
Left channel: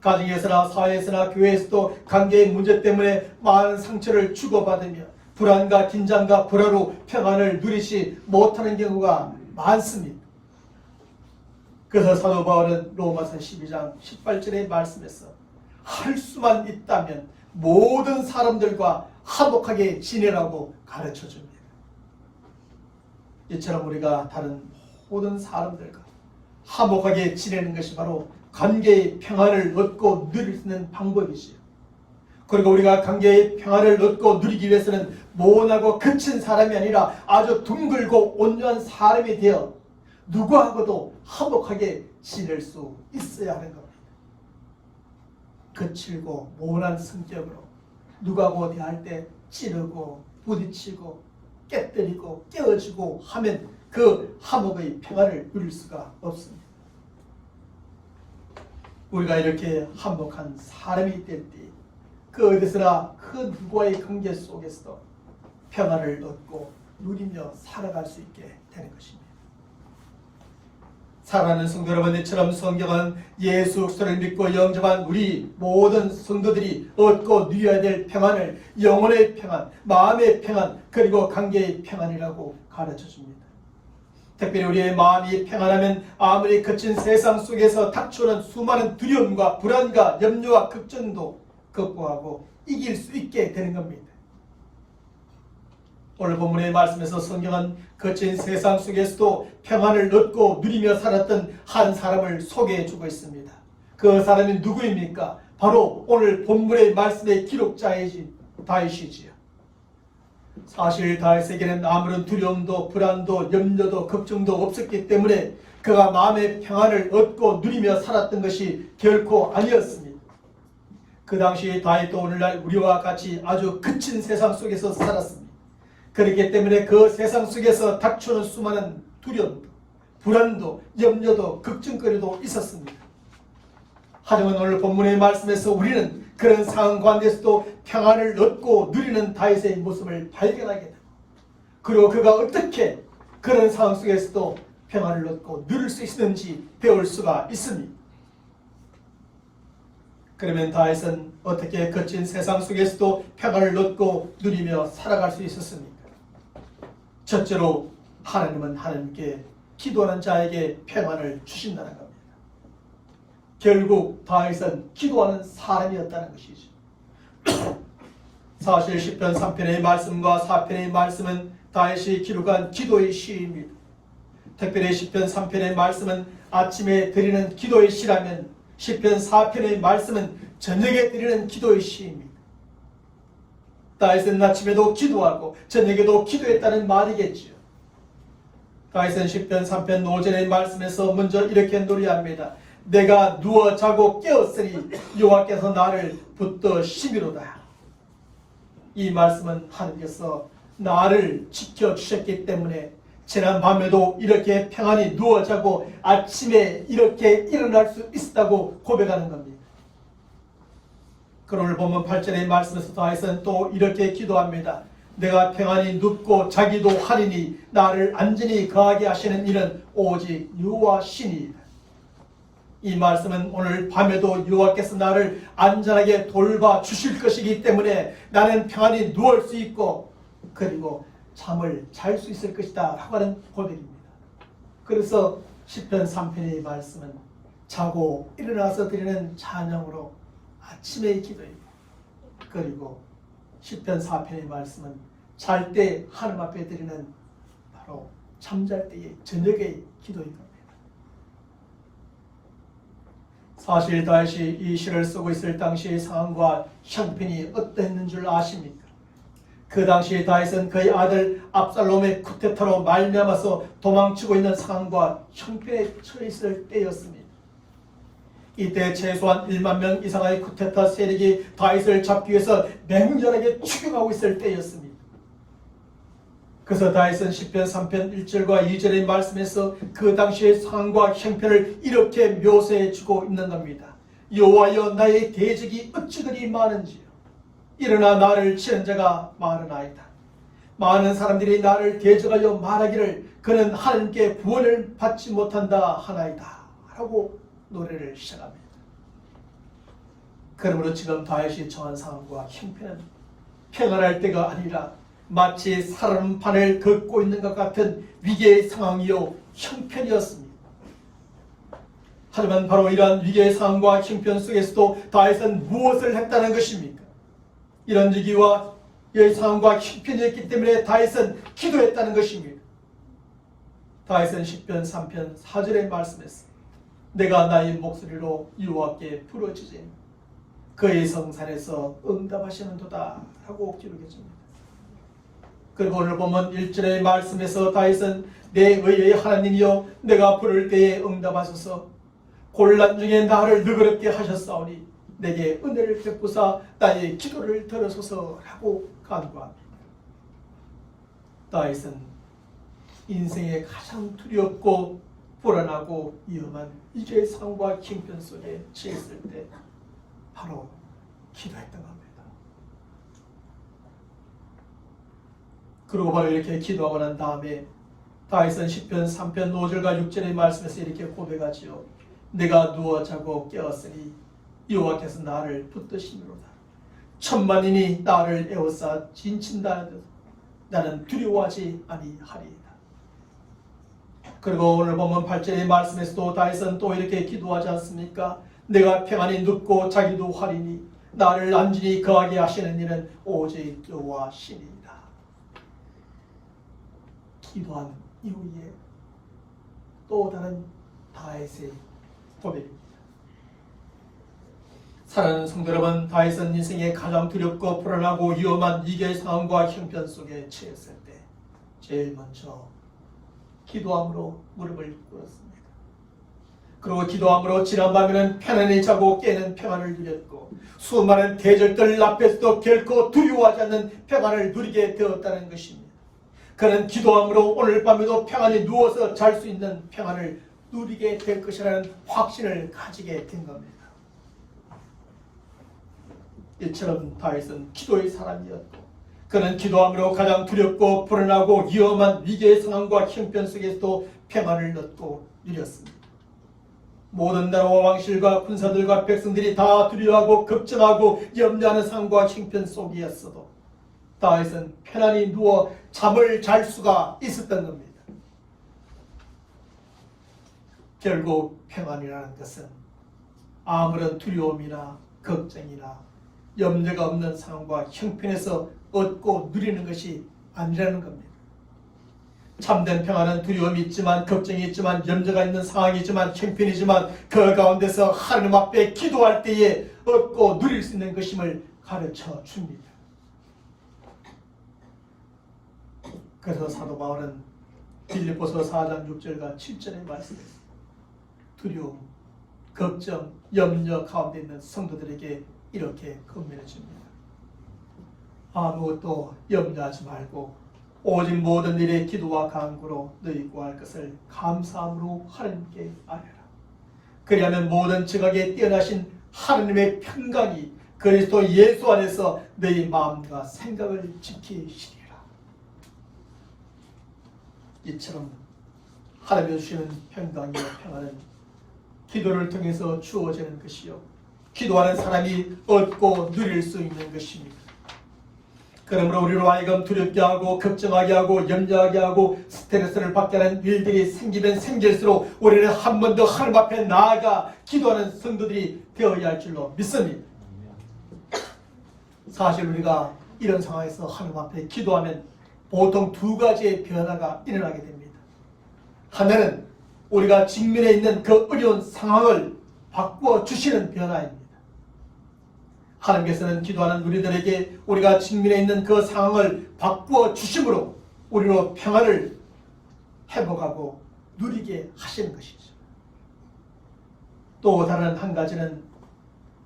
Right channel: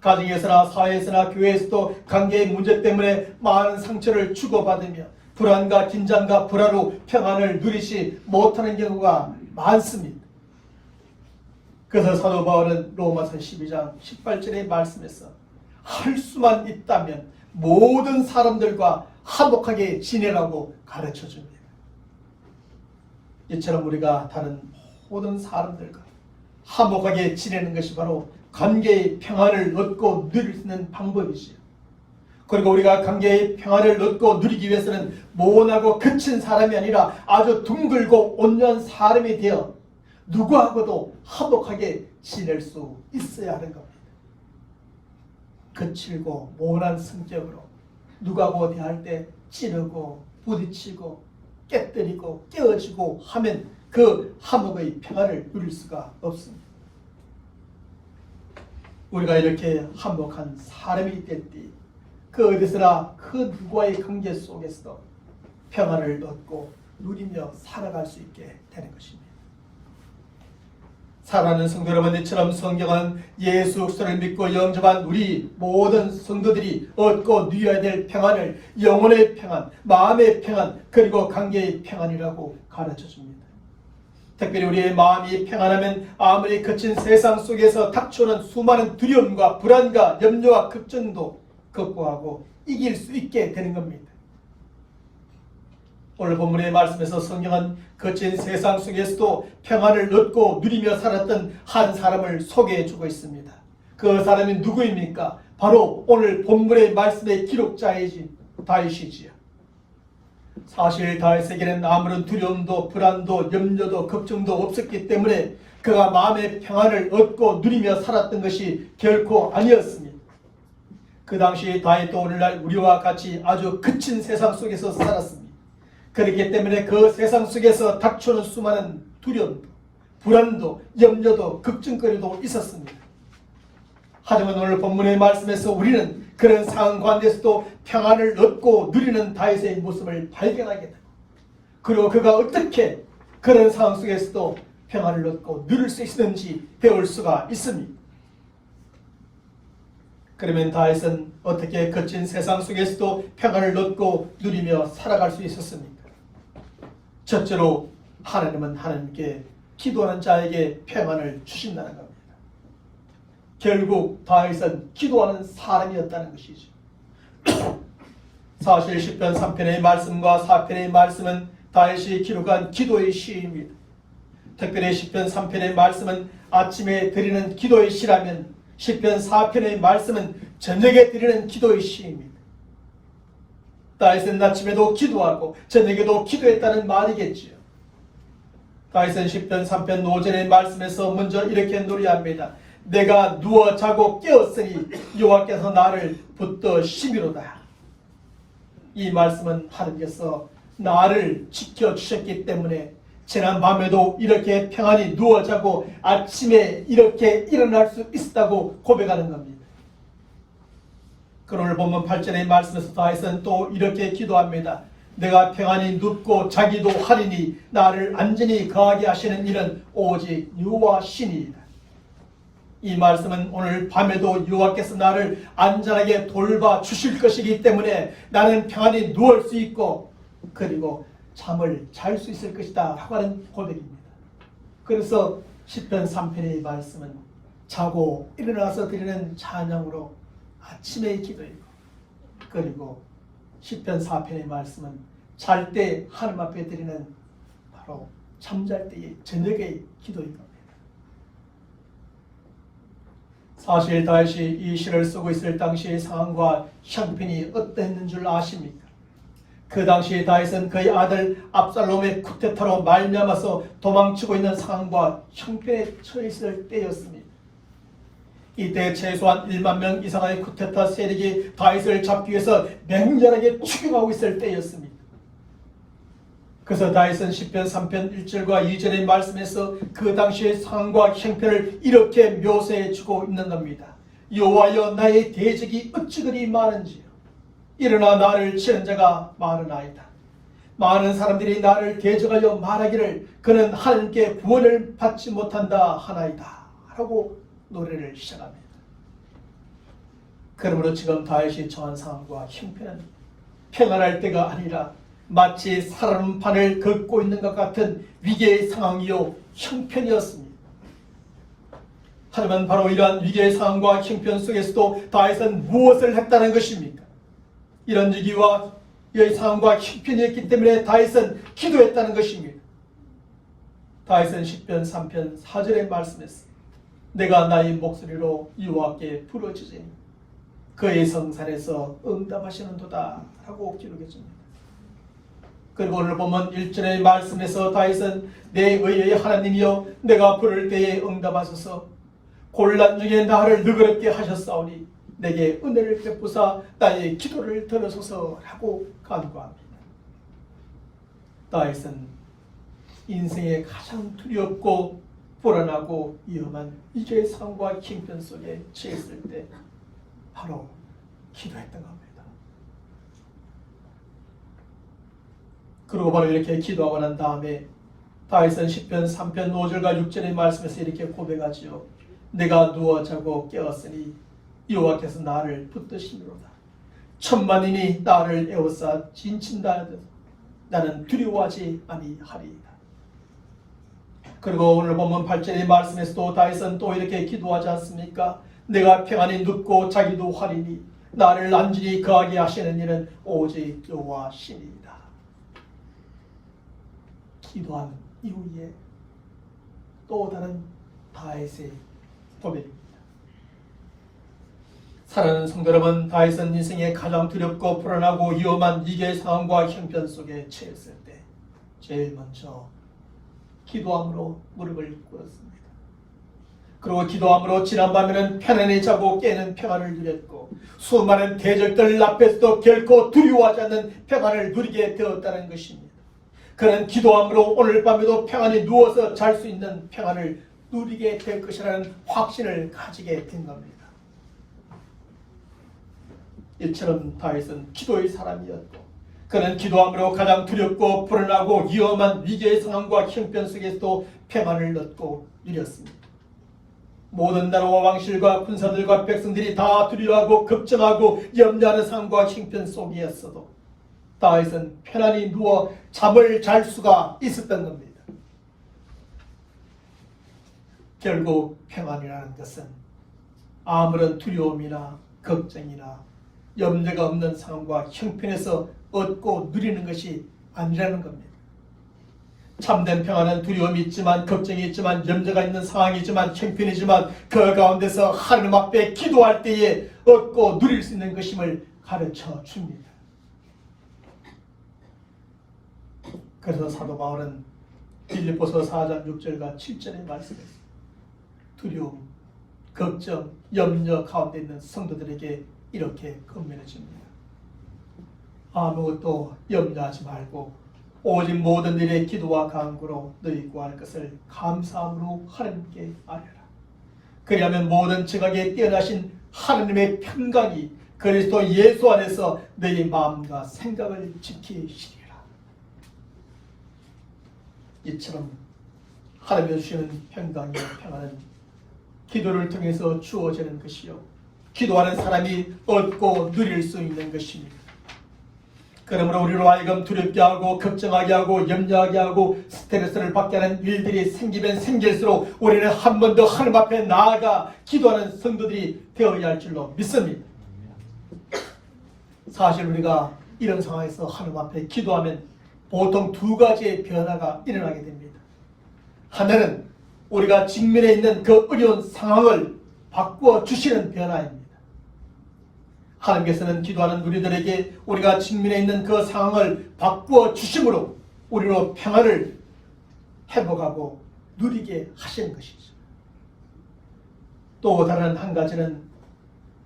가정에서나 사회에서나 교회에서도 관계의 문제 때문에 많은 상처를 주고받으며 불안과 긴장과 불화로 평안을 누리지 못하는 경우가 많습니다. 그래서 사도 바울은 로마서 12장 18절의 말씀에서 할 수만 있다면 모든 사람들과 화목하게 지내라고 가르쳐 줍니다. 이처럼 우리가 다른 모든 사람들과 화목하게 지내는 것이 바로 관계의 평안을 얻고 누릴 수 있는 방법이지요. 그리고 우리가 관계의 평안을 얻고 누리기 위해서는 모나고 거친 사람이 아니라 아주 둥글고 온유한 사람이 되어 누구하고도 화목하게 지낼 수 있어야 하는 겁니다. 거칠고 모난 성격으로 누구하고 대할 때 찌르고 부딪히고 깨뜨리고 깨어지고 하면 그 화목의 평안을 누릴 수가 없습니다. 우리가 이렇게 화목한 사람이 될 때 그 어디서나 그 누구와의 관계 속에서도 평안을 얻고 누리며 살아갈 수 있게 되는 것입니다. 사랑하는 성도 여러분, 이처럼 성경은 예수 그리스도를 믿고 영접한 우리 모든 성도들이 얻고 누려야 될 평안을 영혼의 평안, 마음의 평안, 그리고 관계의 평안이라고 가르쳐줍니다. 특별히 우리의 마음이 평안하면 아무리 거친 세상 속에서 닥쳐오는 수많은 두려움과 불안과 염려와 걱정도 극복하고 이길 수 있게 되는 겁니다. 오늘 본문의 말씀에서 성경은 거친 세상 속에서도 평안을 얻고 누리며 살았던 한 사람을 소개해 주고 있습니다. 그 사람이 누구입니까? 바로 오늘 본문의 말씀의 기록자이지 다윗이지요. 사실 다윗에게는 아무런 두려움도 불안도 염려도 걱정도 없었기 때문에 그가 마음의 평안을 얻고 누리며 살았던 것이 결코 아니었습니다. 그 당시 다윗도 오늘날 우리와 같이 아주 거친 세상 속에서 살았습니다. 그렇기 때문에 그 세상 속에서 닥쳐오는 수많은 두려움도 불안도 염려도 걱정거리도 있었습니다. 하지만 오늘 본문의 말씀에서 우리는 그런 상황 가운데서도 평안을 얻고 누리는 다윗의 모습을 발견하게 되고 그리고 그가 어떻게 그런 상황 속에서도 평안을 얻고 누릴 수 있는지 배울 수가 있습니다. 그러면 다윗은 어떻게 거친 세상 속에서도 평안을 얻고 누리며 살아갈 수 있었습니까? 첫째로 하나님은 하나님께 기도하는 자에게 평안을 주신다는 겁니다. 결국 다윗은 기도하는 사람이었다는 것이죠. 사실 10편 3편의 말씀과 4편의 말씀은 다윗이 기록한 기도의 시입니다. 특별히 10편 3편의 말씀은 아침에 드리는 기도의 시라면 10편 4편의 말씀은 저녁에 드리는 기도의 시입니다. 다윗은 아침에도 기도하고 저녁에도 기도했다는 말이겠지요. 다윗은 10편 3편 5절의 말씀에서 먼저 이렇게 노래합니다. 내가 누워 자고 깨었으니 여호와께서 나를 붙들어 심이로다. 이 말씀은 하나님께서 나를 지켜주셨기 때문에 지난 밤에도 이렇게 평안히 누워 자고 아침에 이렇게 일어날 수 있다고 고백하는 겁니다. 그걸 보면 8절의 말씀에서 다윗은 또 이렇게 기도합니다. 내가 평안히 눕고 자기도 하리니 나를 안전히 거하게 하시는 이는 오직 여호와 신이다. 이 말씀은 오늘 밤에도 여호와께서 나를 안전하게 돌봐 주실 것이기 때문에 나는 평안히 누울 수 있고 그리고 잠을 잘 수 있을 것이다 라고 하는 고백입니다. 그래서 10편 3편의 말씀은 자고 일어나서 드리는 찬양으로 아침의 기도이고, 그리고 시편 4편의 말씀은 잘 때 하나님 앞에 드리는 바로 잠잘 때의 저녁의 기도인 겁니다. 사실 다윗이 이 시를 쓰고 있을 당시의 상황과 형편이 어떠했는 줄 아십니까? 그 당시에 다윗은 그의 아들 압살롬의 쿠데타로 말미암아서 도망치고 있는 상황과 형편에 처해 있을 때였습니다. 이때 최소한 1만 명 이상의 쿠데타 세력이 다윗을 잡기 위해서 맹렬하게 추격하고 있을 때였습니다. 그래서 다윗은 시편 3편 1절과 2절의 말씀에서 그 당시의 상황과 형편을 이렇게 묘사해 주고 있는 겁니다. 여호와여, 나의 대적이 어찌 그리 많은지요. 일어나 나를 치는 자가 많으나이다. 많은 사람들이 나를 대적하여 말하기를 그는 하나님께 구원을 받지 못한다 하나이다 라고 노래를 시작합니다. 그러므로 지금 다윗이 처한 상황과 형편은 평안할 때가 아니라 마치 살얼음판을 걷고 있는 것 같은 위기의 상황이요 형편이었습니다. 하지만 바로 이러한 위기의 상황과 형편 속에서도 다윗은 무엇을 했다는 것입니까? 이런 위기와 이 상황과 형편이었기 때문에 다윗은 기도했다는 것입니다. 다윗은 시편 3편 4절의 말씀에서 내가 나의 목소리로 여호와께 부르짖으니 그의 성산에서 응답하시는도다 라고 기록해 줍니다. 그리고 오늘 보면 1절의 말씀에서 다윗은 내 의의 하나님이여, 내가 부를 때에 응답하소서, 곤란 중에 나를 너그럽게 하셨사오니 내게 은혜를 베푸사 나의 기도를 들으소서라고 간구합니다. 다윗은 인생의 가장 두렵고 불안하고 위험한 위기의 상황과 형편 속에 처했을 때 바로 기도했던 겁니다. 그리고 바로 이렇게 기도하고 난 다음에 다윗은 시편 3편 5절과 6절의 말씀에서 이렇게 고백하지요. 내가 누워 자고 깨었으니 여호와께서 나를 붙드시미로다. 천만인이 나를 에워싸 진친다 하여도 나는 두려워하지 아니하리이다. 그리고 오늘 보면 8절의 말씀에서도 다윗은 또 이렇게 기도하지 않습니까? 내가 평안히 눕고 자기도 활이니 나를 안전히 거하게 하시는 이는 오직 여호와시니이다. 기도한 이후에 또 다른 다윗의 고백입니다. 사랑하는 성도 여러분, 다윗은 인생의 가장 두렵고 불안하고 위험한 위기의 상황과 형편 속에 처했을 때 제일 먼저 기도함으로 무릎을 꿇었습니다. 그리고 기도함으로 지난밤에는 편안히 자고 깨는 평안을 누렸고 수많은 대적들 앞에서도 결코 두려워하지 않는 평안을 누리게 되었다는 것입니다. 그는 기도함으로 오늘 밤에도 평안히 누워서 잘 수 있는 평안을 누리게 될 것이라는 확신을 가지게 된 겁니다. 이처럼 다윗은 기도의 사람이었고 그는 기도함으로 가장 두렵고 불안하고 위험한 위기의 상황과 형편 속에서도 평안을 얻고 누렸습니다. 모든 나라와 왕실과 군사들과 백성들이 다 두려워하고 걱정하고 염려하는 상황과 형편 속이었어도 다윗은 편안히 누워 잠을 잘 수가 있었던 겁니다. 결국 평안이라는 것은 아무런 두려움이나 걱정이나 염려가 없는 상황과 형편에서 얻고 누리는 것이 아니라는 겁니다. 참된 평안은 두려움이 있지만 걱정이 있지만 염려가 있는 상황이지만 형편이지만 그 가운데서 하나님 앞에 기도할 때에 얻고 누릴 수 있는 것임을 가르쳐 줍니다. 그래서 사도 바울은 빌립보서 4장 6절과 7절의 말씀에서 두려움, 걱정, 염려 가운데 있는 성도들에게 이렇게 권면해 줍니다. 아무것도 염려하지 말고 오직 모든 일에 기도와 간구로 너희 구할 것을 감사함으로 하나님께 아뢰라. 그리하면 모든 지각에 뛰어나신 하나님의 평강이 그리스도 예수 안에서 너희 마음과 생각을 지키시리라. 이처럼 하나님이 주시는 평강이요 평안은 기도를 통해서 주어지는 것이요 기도하는 사람이 얻고 누릴 수 있는 것입니다. 그러므로 우리로 하여금 두렵게 하고 걱정하게 하고 염려하게 하고 스트레스를 받게 하는 일들이 생기면 생길수록 우리는 한 번 더 하나님 앞에 나아가 기도하는 성도들이 되어야 할 줄로 믿습니다. 사실 우리가 이런 상황에서 하나님 앞에 기도하면 보통 두 가지의 변화가 일어나게 됩니다. 하나는 우리가 직면해 있는 그 어려운 상황을 바꾸어 주시는 변화입니다. 하나님께서는 기도하는 우리들에게 우리가 직면해 있는 그 상황을 바꾸어 주심으로 우리로 평안을 회복하고 누리게 하시는 것이죠. 또 다른 한 가지는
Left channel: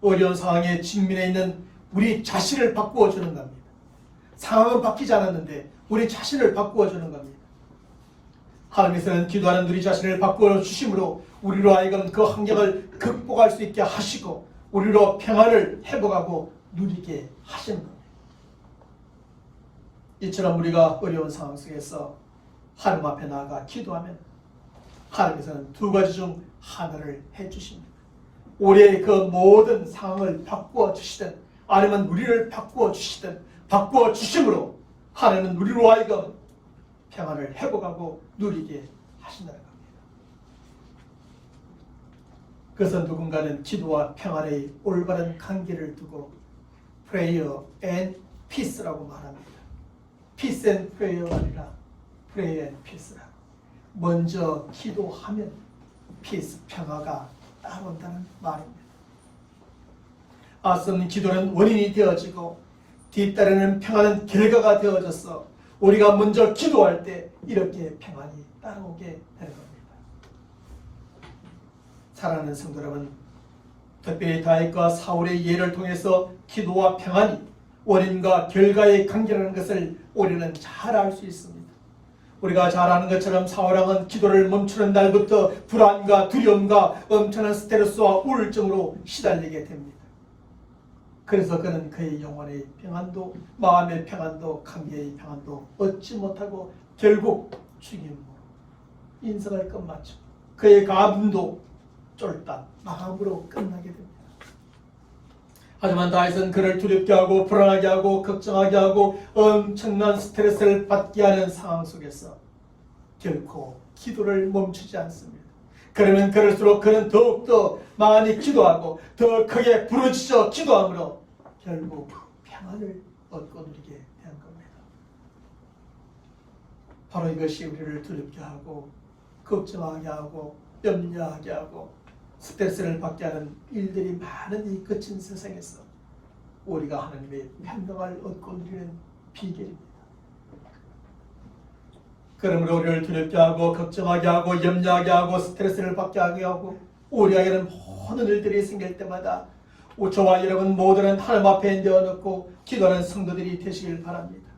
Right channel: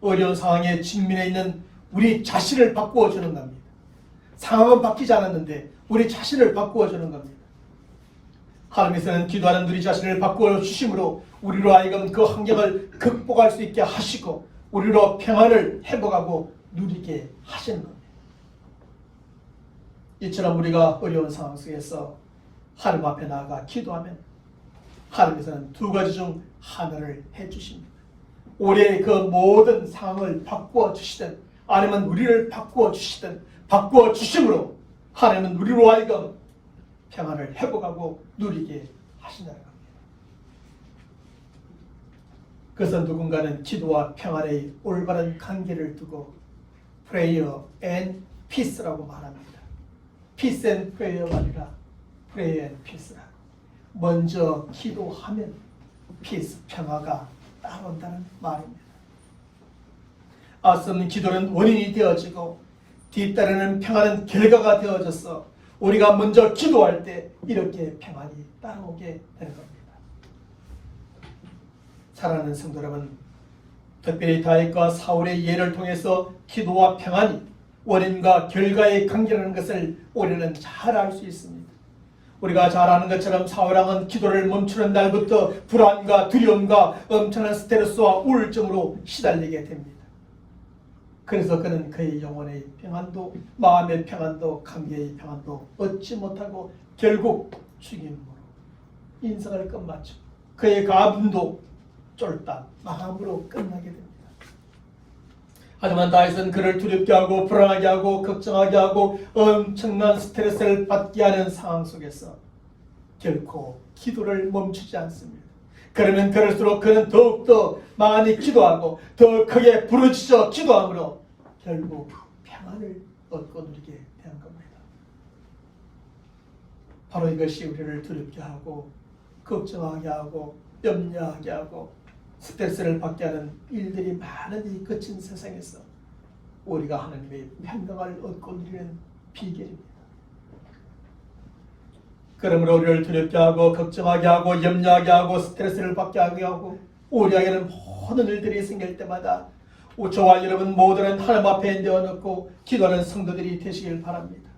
어려운 상황에 직면해 있는 우리 자신을 바꾸어 주는 겁니다. 상황은 바뀌지 않았는데 우리 자신을 바꾸어 주는 겁니다. 하나님께서는 기도하는 우리 자신을 바꾸어 주심으로 우리로 하여금 그 환경을 극복할 수 있게 하시고 우리로 평안을 회복하고 누리게 하시는 겁니다. 이처럼 우리가 어려운 상황 속에서 하나님 앞에 나아가 기도하면 하나님께서는 두 가지 중 하나를 해주십니다. 우리의 그 모든 상황을 바꾸어 주시든 아니면 우리를 바꾸어 주시든 바꾸어 주심으로 하나님은 우리로 하여금 평안을 회복하고 누리게 하신다는 겁니다. 그래서 누군가는 기도와 평안의 올바른 관계를 두고 prayer and peace라고 말합니다. peace and prayer가 아니라 prayer and peace라고. 먼저 기도하면 peace, 평화가 따라온다는 말입니다. 앞선 기도는 원인이 되어지고 뒤따르는 평안은 결과가 되어져서 우리가 먼저 기도할 때 이렇게 평안이 따라오게 되는 겁니다. 사랑하는 성도 여러분, 특별히 다윗과 사울의 예를 통해서 기도와 평안이 원인과 결과의 관계라는 것을 우리는 잘 알 수 있습니다. 우리가 잘 아는 것처럼 사울왕은 기도를 멈추는 날부터 불안과 두려움과 엄청난 스트레스와 우울증으로 시달리게 됩니다. 그래서 그는 그의 영혼의 평안도, 마음의 평안도, 관계의 평안도 얻지 못하고 결국 죽임으로 인생을 끝마치고 그의 가문도 쫄딱 마음으로 끝나게 됩니다. 하지만 다윗은 그를 두렵게 하고 불안하게 하고 걱정하게 하고 엄청난 스트레스를 받게 하는 상황 속에서 결코 기도를 멈추지 않습니다. 그러면 그럴수록 그는 더욱더 많이 기도하고 더 크게 부르짖어 기도함으로 결국 평안을 얻고 누리게 된 겁니다. 바로 이것이 우리를 두렵게 하고 걱정하게 하고 염려하게 하고 스트레스를 받게 하는 일들이 많은 이 거친 세상에서 우리가 하나님의 평강을 얻고 누리는 비결입니다. 그러므로 우리를 두렵게 하고 걱정하게 하고 염려하게 하고 스트레스를 받게 하고 우리에게는 모든 일들이 생길 때마다 저와 여러분 모두는 하나님 앞에 내어놓고 기도하는 성도들이 되시길 바랍니다.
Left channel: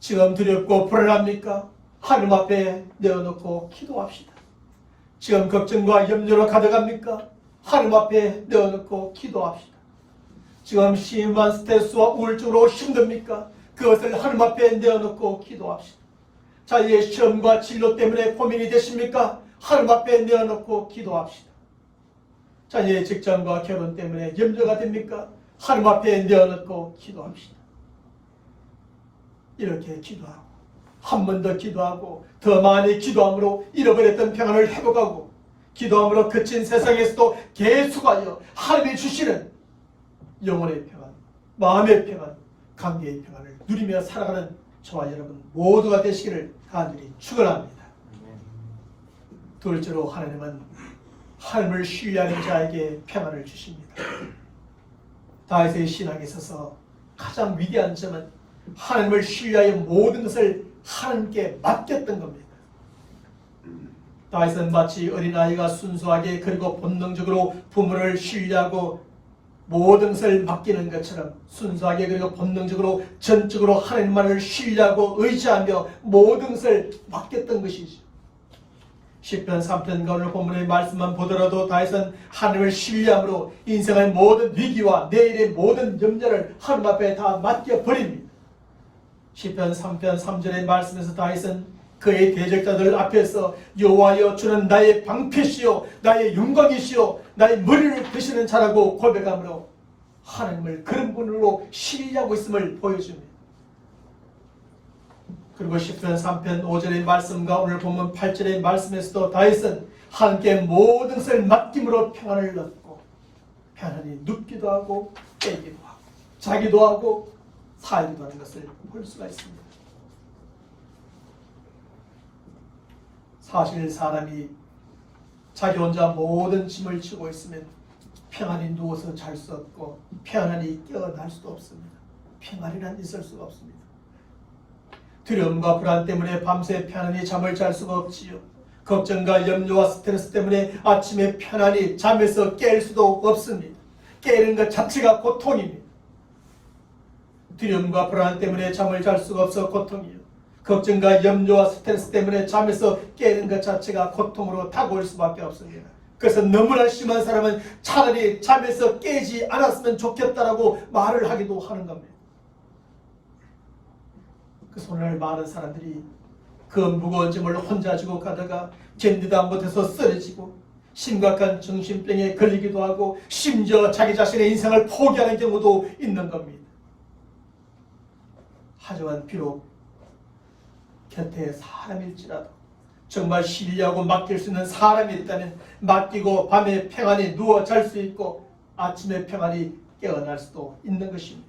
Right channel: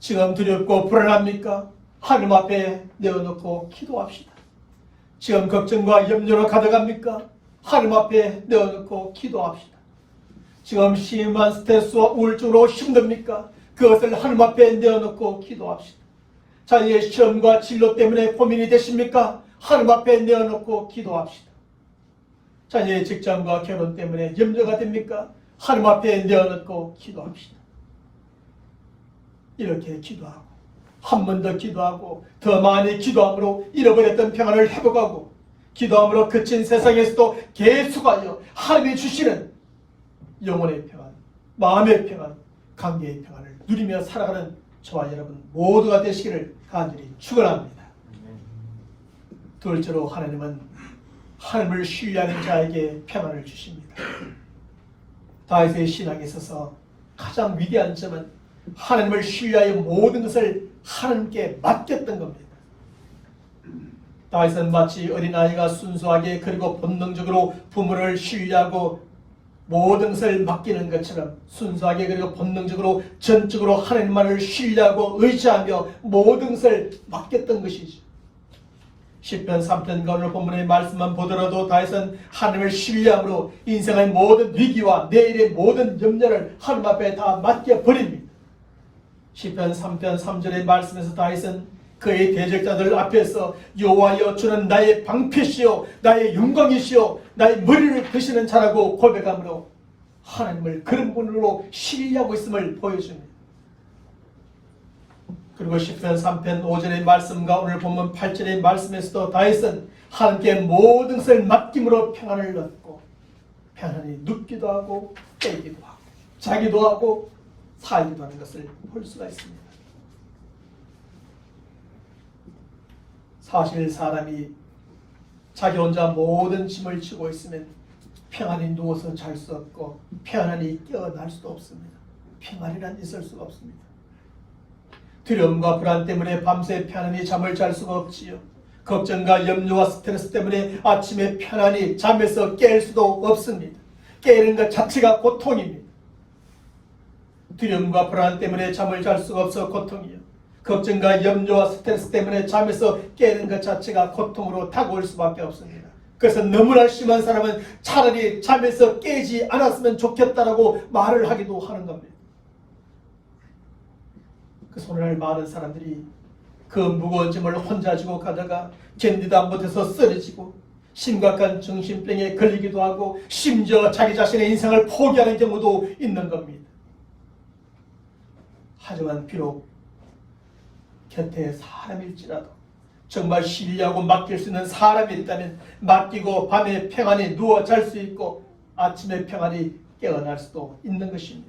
지금 두렵고 불안합니까? 하나님 앞에 내어놓고 기도합시다. 지금 걱정과 염려로 가득합니까? 하나님 앞에 내어놓고 기도합시다. 지금 심한 스트레스와 우울증으로 힘듭니까? 그것을 하나님 앞에 내어놓고 기도합시다. 자기의 시험과 진로 때문에 고민이 되십니까? 하나님 앞에 내어놓고 기도합시다. 자녀의 직장과 결혼 때문에 염려가 됩니까? 하나님 앞에 내어놓고 기도합시다. 이렇게 기도하고 한 번 더 기도하고 더 많이 기도함으로 잃어버렸던 평안을 회복하고 기도함으로 그친 세상에서도 계속하여 하나님이 주시는 영혼의 평안, 마음의 평안, 관계의 평안을 누리며 살아가는 저와 여러분 모두가 되시기를 간절히 축원합니다. 둘째로 하나님은 하나님을 신뢰하는 자에게 평안을 주십니다. 다윗의 신앙에 있어서 가장 위대한 점은 하나님을 신뢰하여 모든 것을 하나님께 맡겼던 겁니다. 다윗은 마치 어린아이가 순수하게 그리고 본능적으로 부모를 신뢰하고 모든 것을 맡기는 것처럼 순수하게 그리고 본능적으로 전적으로 하나님만을 신뢰하고 의지하며 모든 것을 맡겼던 것이죠. 시편 3편과 오늘 본문의 말씀만 보더라도 다윗은 하나님을 신뢰함으로 인생의 모든 위기와 내일의 모든 염려를 하나님 앞에 다 맡겨버립니다. 시편 3편 3절의 말씀에서 다윗은 그의 대적자들 앞에서 여호와여 주는 나의 방패시요 나의 영광이시요 나의 머리를 드시는 자라고 고백함으로 하나님을 그런 분으로 신뢰하고 있음을 보여줍니다. 그리고 시편 3편 5절의 말씀과 오늘 본문 8절의 말씀에서도 다윗은 하나님께 모든 것을 맡김으로 평안을 얻고 평안히 눕기도 하고 깨기도 하고 자기도 하고 살기도 하는 것을 볼 수가 있습니다. 사실 사람이 자기 혼자 모든 짐을 지고 있으면 평안히 누워서 잘 수 없고 평안히 깨어날 수도 없습니다. 평안이란 있을 수가 없습니다. 두려움과 불안 때문에 밤새 편안히 잠을 잘 수가 없지요. 걱정과 염려와 스트레스 때문에 아침에 편안히 잠에서 깰 수도 없습니다. 깨는 것 자체가 고통입니다. 두려움과 불안 때문에 잠을 잘 수가 없어 고통이요. 걱정과 염려와 스트레스 때문에 잠에서 깨는 것 자체가 고통으로 다가올 수밖에 없습니다. 그래서 너무나 심한 사람은 차라리 잠에서 깨지 않았으면 좋겠다라고 말을 하기도 하는 겁니다. 그래서 오늘 많은 사람들이 그 무거운 짐을 혼자 지고 가다가 견디다 못해서 쓰러지고 심각한 정신병에 걸리기도 하고 심지어 자기 자신의 인생을 포기하는 경우도 있는 겁니다. 하지만 비록 곁에 사람일지라도 정말 신뢰하고 맡길 수 있는 사람이 있다면 맡기고 밤에 평안히 누워 잘 수 있고 아침에 평안히 깨어날 수도 있는 것입니다.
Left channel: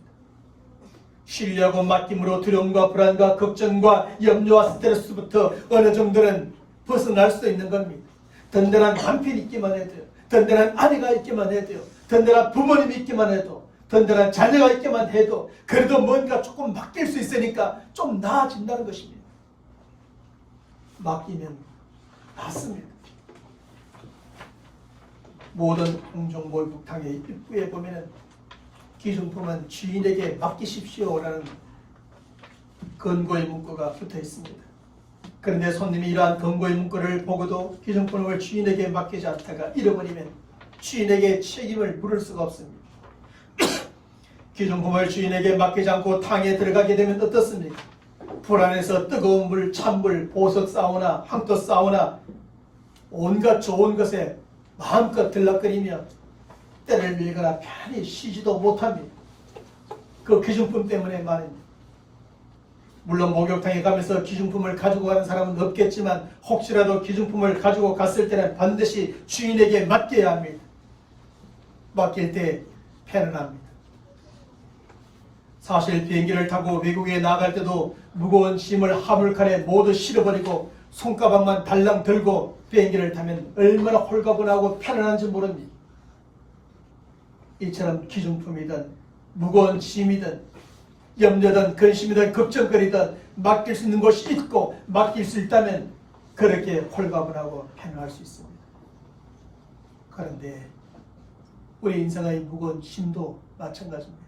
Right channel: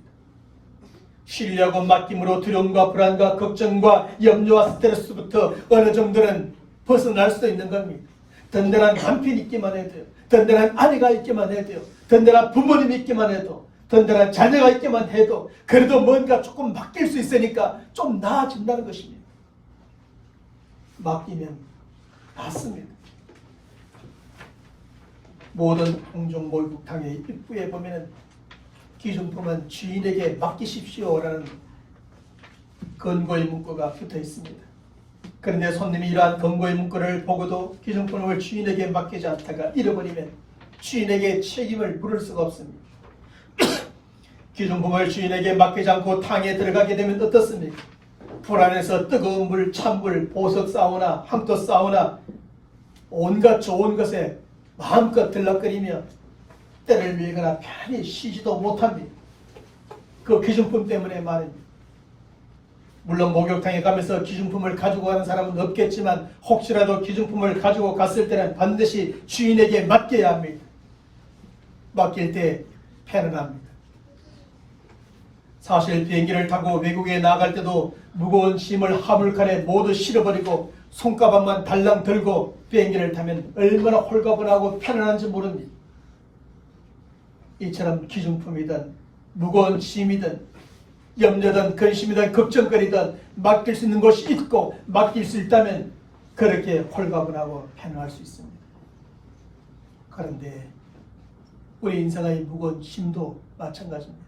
신뢰하고 맡김으로 두려움과 불안과 걱정과 염려와 스트레스부터 어느 정도는 벗어날 수도 있는 겁니다. 든든한 남편이 있기만 해도요. 든든한 아내가 있기만 해도요. 든든한 부모님이 있기만 해도 든든한 자녀가 있기만 해도 그래도 뭔가 조금 맡길 수 있으니까 좀 나아진다는 것입니다. 맡기면 낫습니다. 모든 공중 목욕탕의 입구에 보면은 기준품은 주인에게 맡기십시오라는 권고의 문구가 붙어 있습니다. 그런데 손님이 이러한 권고의 문구를 보고도 기준품을 주인에게 맡기지 않다가 잃어버리면 주인에게 책임을 물을 수가 없습니다. 기준품을 주인에게 맡기지 않고 탕에 들어가게 되면 어떻습니까? 불안해서 뜨거운 물, 찬물, 보석 사우나, 황토 사우나 온갖 좋은 것에 마음껏 들락거리며 때를 밀거나 편히 쉬지도 못합니다. 그 기준품 때문에 말입니다. 물론 목욕탕에 가면서 기준품을 가지고 가는 사람은 없겠지만 혹시라도 기준품을 가지고 갔을 때는 반드시 주인에게 맡겨야 합니다. 맡길 때 편안합니다. 사실 비행기를 타고 외국에 나갈 때도 무거운 짐을 화물칸에 모두 실어버리고 손가방만 달랑 들고 비행기를 타면 얼마나 홀가분하고 편안한지 모릅니다. 이처럼 기준품이든 무거운 짐이든 염려든 근심이든 걱정거리든 맡길 수 있는 곳이 있고 맡길 수 있다면 그렇게 홀가분하고 편안할 수 있습니다. 그런데 우리 인생의 무거운 짐도 마찬가지입니다.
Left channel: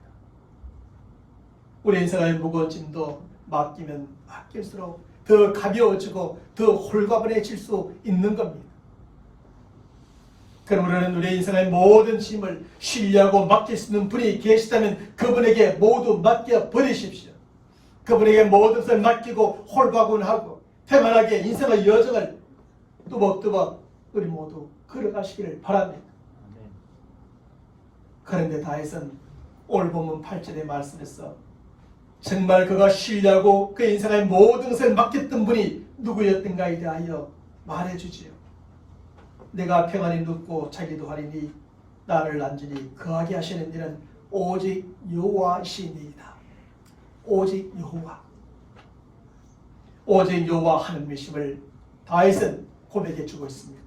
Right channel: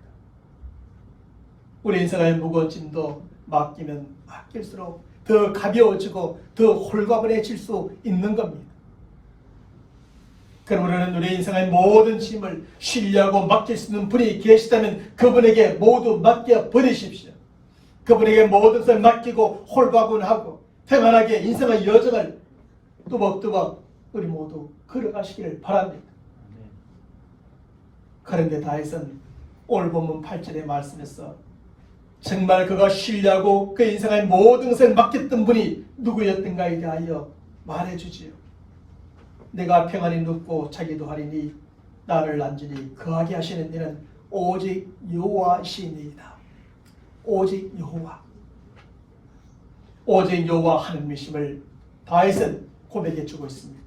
우리 인생의 무거운 짐도 맡기면 맡길수록 더 가벼워지고 더 홀가분해질 수 있는 겁니다. 그러므로 우리 인생의 모든 짐을 신뢰하고 맡길 수 있는 분이 계시다면 그분에게 모두 맡겨 버리십시오. 그분에게 모든 것을 맡기고 홀가분하고 평안하게 인생의 여정을 뚜벅뚜벅 우리 모두 걸어가시기를 바랍니다. 그런데 다윗은 오늘 본문 8절의 말씀에서 정말 그가 신뢰하고 그 인생의 모든 것을 맡겼던 분이 누구였던가에 대하여 말해주지요. 내가 평안히 눕고 자기도 하리니 나를 안전히 거하게 하시는 이는 오직 여호와이시니이다. 오직 여호와. 오직 여호와 하나님이심을 다윗은 고백해주고 있습니다.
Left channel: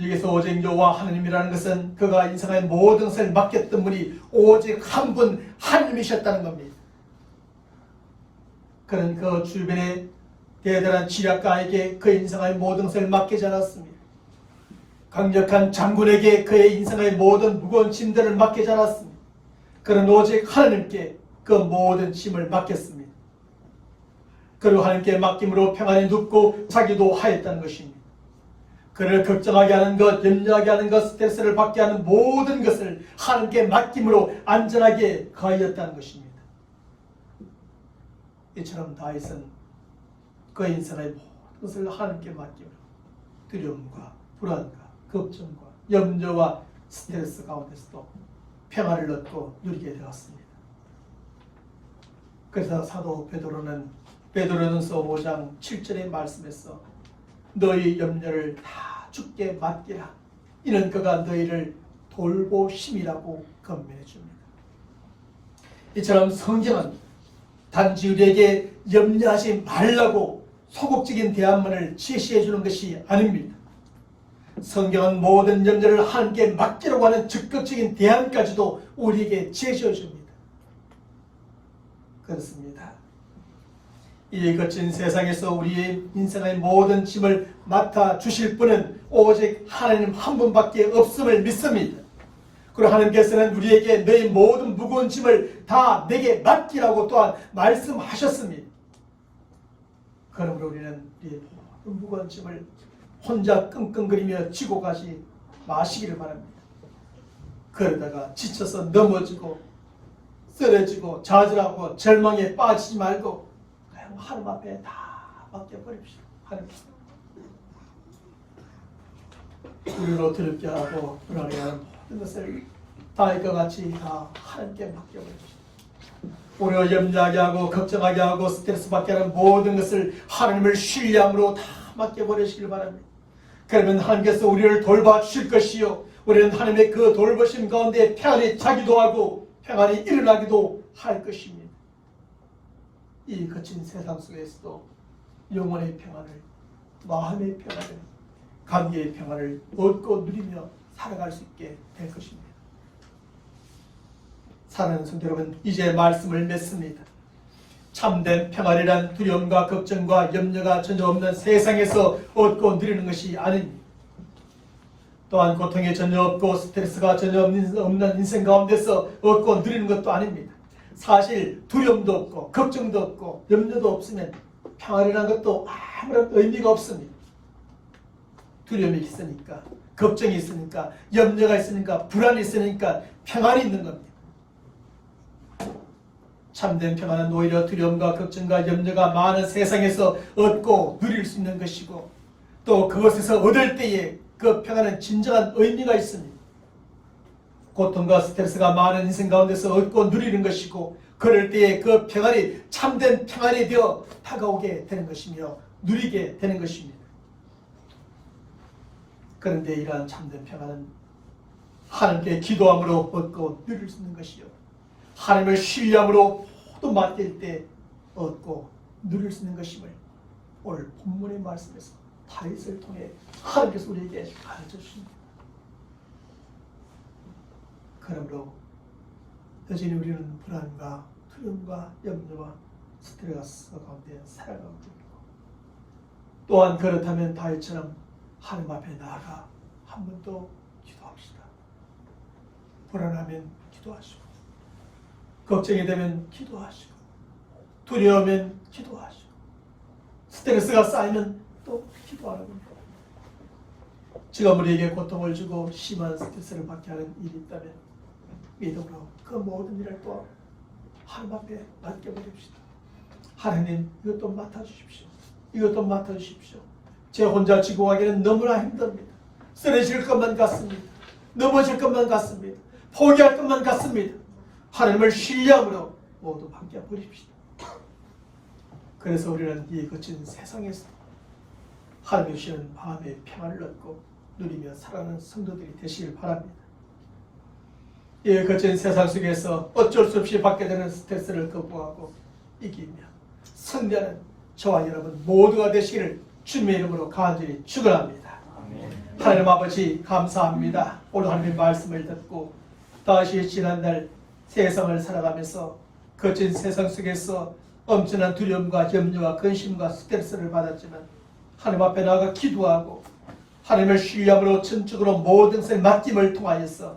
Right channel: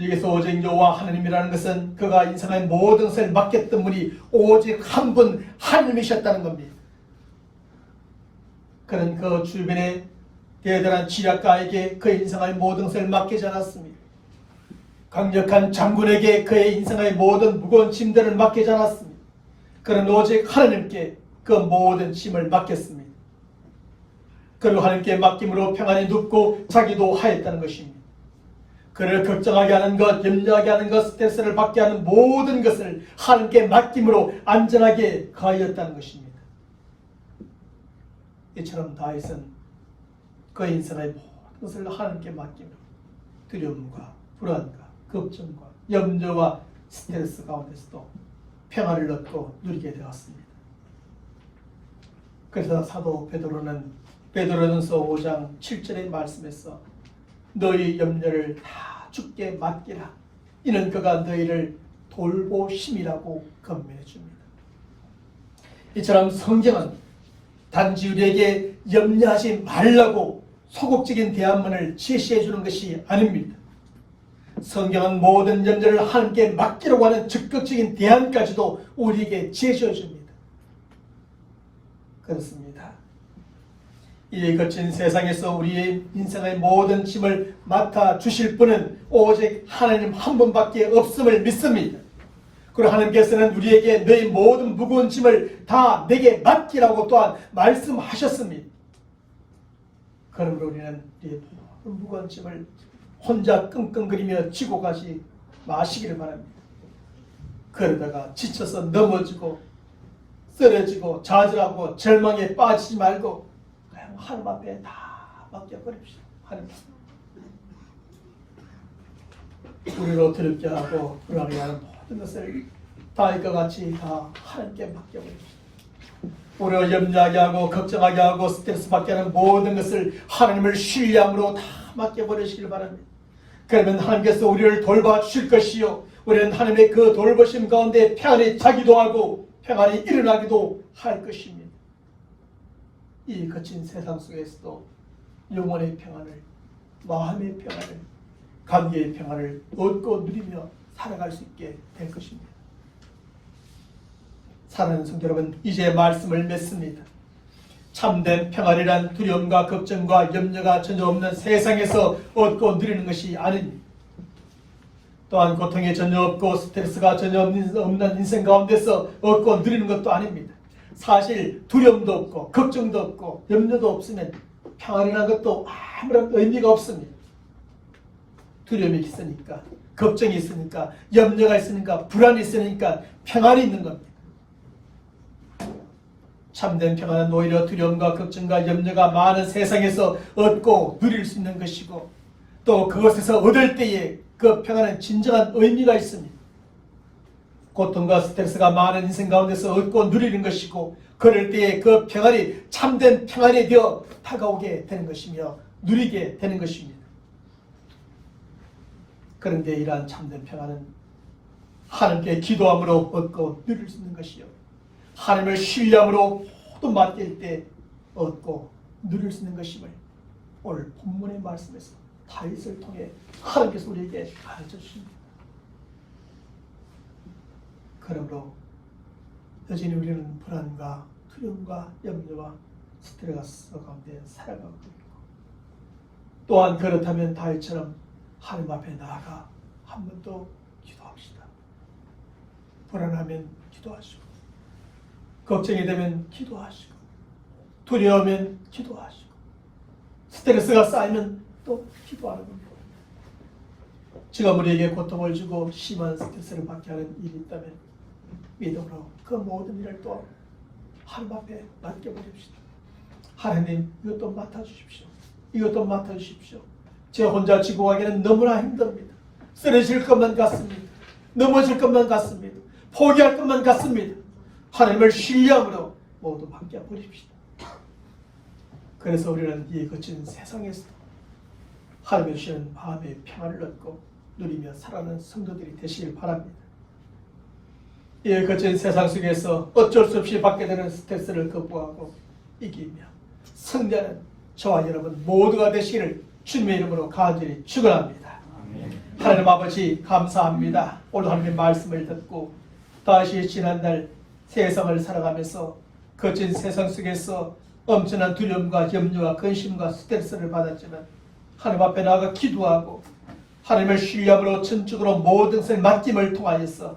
여기서 오직 여호와 하나님이라는 것은 그가 인생의 모든 것을 맡겼던 분이 오직 한 분 하나님이셨다는 겁니다. 그는 그 주변의 대단한 지략가에게 그 인생의 모든 것을 맡기지 않았습니다. 강력한 장군에게 그의 인생의 모든 무거운 짐들을 맡기지 않았습니다. 그는 오직 하나님께 그 모든 짐을 맡겼습니다. 그리고 하나님께 맡김으로 평안히 눕고 자기도 하였다는 것입니다. 그를 걱정하게 하는 것, 염려하게 하는 것, 스트레스를 받게 하는 모든 것을 하나님께 맡김으로 안전하게 가하였다는 것입니다. 이처럼 다윗은 그 인생의 모든 것을 하나님께 맡김으로 두려움과 불안과 걱정과 염려와 스트레스 가운데서도 평안을 얻고 누리게 되었습니다. 그래서 사도 베드로전서 5장 7절의 말씀에서 너희 염려를 다 주께 맡기라. 이는 그가 너희를 돌보심이라고 권면해 줍니다. 이처럼 성경은 단지 우리에게 염려하지 말라고 소극적인 대안만을 제시해 주는 것이 아닙니다. 성경은 모든 염려를 하나님께 맡기려고 하는 적극적인 대안까지도 우리에게 제시해 줍니다. 그렇습니다. 이 거친 세상에서 우리의 인생의 모든 짐을 맡아 주실 분은 오직 하나님 한 분밖에 없음을 믿습니다. 그리고 하나님께서는 우리에게 너희 모든 무거운 짐을 다 내게 맡기라고 또한 말씀하셨습니다. 그러므로 우리는 우리의 모든 무거운 짐을 혼자 끙끙거리며 지고 가지 마시기를 바랍니다. 그러다가 지쳐서 넘어지고 쓰러지고 좌절하고 절망에 빠지지 말고 그냥 하나님 앞에 다 맡겨버립시다. 하나님 앞에. 우리로 두렵게 하고 불안해 하는 모든 것을 다윗과 같이 다 하나님께 맡겨버립시다. 우리를 염려하게 하고 걱정하게 하고 스트레스 받게 하는 모든 것을 하나님을 신뢰함으로 다 맡겨버리시길 바랍니다. 그러면 하나님께서 우리를 돌봐주실 것이요, 우리는 하나님의 그 돌보심 가운데 평안히 자기도 하고 평안히 일어나기도 할 것입니다. 이 거친 세상 속에서도 영혼의 평안을, 마음의 평안을, 관계의 평안을 얻고 누리며 살아갈 수 있게 될 것입니다. 사랑하는 성도 여러분, 이제 말씀을 맺습니다. 참된 평안이란 두려움과 걱정과 염려가 전혀 없는 세상에서 얻고 누리는 것이 아닙니다. 또한 고통이 전혀 없고 스트레스가 전혀 없는 인생 가운데서 얻고 누리는 것도 아닙니다. 사실 두려움도 없고 걱정도 없고 염려도 없으면 평안이라는 것도 아무런 의미가 없습니다. 두려움이 있으니까, 걱정이 있으니까, 염려가 있으니까, 불안이 있으니까 평안이 있는 겁니다. 참된 평안은 오히려 두려움과 걱정과 염려가 많은 세상에서 얻고 누릴 수 있는 것이고, 또 그것에서 얻을 때에 그 평안은 진정한 의미가 있습니다. 고통과 스트레스가 많은 인생 가운데서 얻고 누리는 것이고, 그럴 때에 그 평안이 참된 평안이 되어 다가오게 되는 것이며 누리게 되는 것입니다. 그런데 이러한 참된 평안은 하나님께 기도함으로 얻고 누릴 수 있는 것이요, 하나님을 신뢰함으로 모두 맡길 때 얻고 누릴 수 있는 것임을 오늘 본문의 말씀에서 다윗을 통해 하나님께서 우리에게 가르쳐 주십니다. 그러므로 여전히 우리는 불안과 두려움과 염려와 스트레스 가운데 살아가고 있고, 또한 그렇다면 다윗처럼 하나님 앞에 나아가 한 번 더 기도합시다. 불안하면 기도하시고, 걱정이 되면 기도하시고, 두려우면 기도하시고, 스트레스가 쌓이면 또 기도하는 겁니다. 지금 우리에게 고통을 주고 심한 스트레스를 받게 하는 일이 있다면 믿음으로 그 모든 일을 또 하나님 앞에 맡겨버립시다. 하나님, 이것도 맡아주십시오. 이것도 맡아주십시오. 제 혼자 지고 가기는 너무나 힘듭니다. 쓰러질 것만 같습니다. 넘어질 것만 같습니다. 포기할 것만 같습니다. 하나님을 신뢰함으로 모두 맡겨버립시다. 그래서 우리는 이 거친 세상에서도 하나님의 주시는 마음의 평안을 얻고 누리며 살아가는 성도들이 되시길 바랍니다. 이 거친 세상 속에서 어쩔 수 없이 받게 되는 스트레스를 극복하고 이기며 승리하는 저와 여러분 모두가 되시기를 주님의 이름으로 간절히 축원합니다. 하나님 아버지, 감사합니다. 오늘 하나님의 말씀을 듣고 다시 지난날 세상을 살아가면서 거친 세상 속에서 엄청난 두려움과 염려와 근심과 스트레스를 받았지만 하나님 앞에 나아가 기도하고 하나님을 신뢰함으로 전적으로 모든 것을 맡김을 통하여서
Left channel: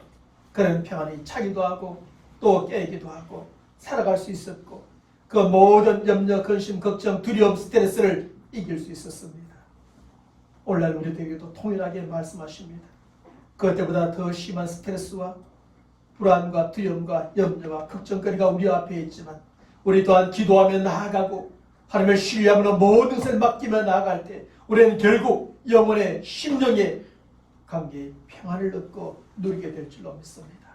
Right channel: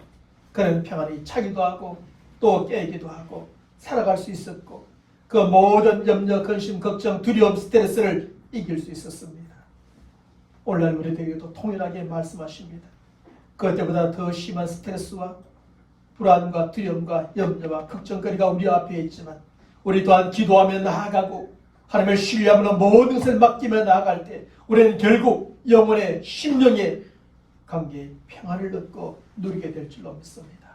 그런 평안이 차기도 하고 또 깨기도 하고 살아갈 수 있었고, 그 모든 염려, 근심, 걱정, 두려움, 스트레스를 이길 수 있었습니다. 오늘날 우리들에게도 통일하게 말씀하십니다. 그때보다 더 심한 스트레스와 불안과 두려움과 염려와 걱정거리가 우리 앞에 있지만 우리 또한 기도하며 나아가고 하나님을 신뢰함으로 모든 것을 맡기며 나아갈 때 우리는 결국 영혼의 심령의 관계의 평안을 얻고 누리게 될 줄로 믿습니다.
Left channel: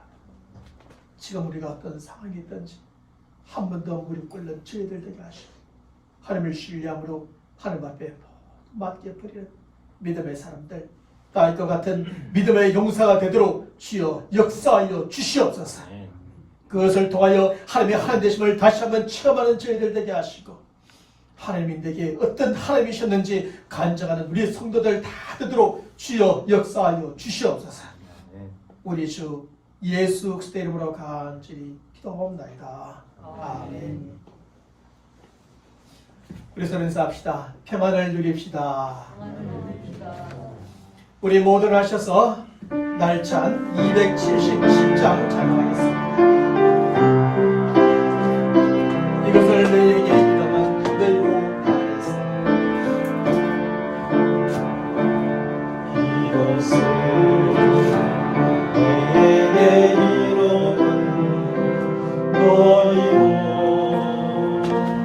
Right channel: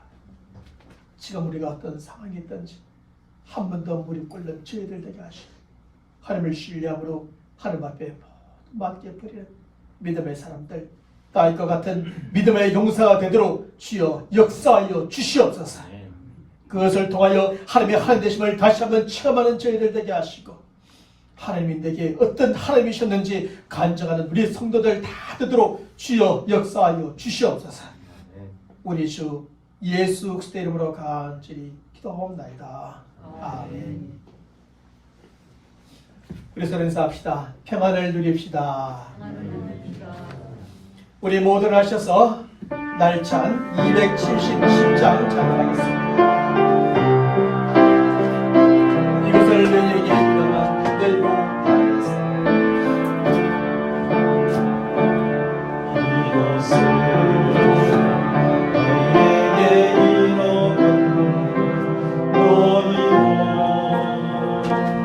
지금 우리가 어떤 상황이 있든지 한 번 더 무릎 꿇는 저희들 되게 하시고 하나님을 신뢰함으로 하나님 앞에 모두 맡겨버리는 믿음의 사람들, 다윗과 같은 믿음의 용사가 되도록 주여 역사하여 주시옵소서. 그것을 통하여 하나님의 하나님 되심을 다시 한번 체험하는 저희들 되게 하시고, 하나님이 내게 어떤 하나님이셨는지 간증하는 우리 성도들 다 되도록 주여 역사하여 주시옵소서. 우리 주 예수 그리스도의 이름으로 간절히 기도하옵나이다. 아멘. 우리 서로 인사합시다. 평안을 누립시다. 우리 모두 하셔서 날찬 277장 찬양하겠습니다. 이것을 너희에게 이르면 너희로 알겠습니다. 이것을 너희에게 이르면 너희로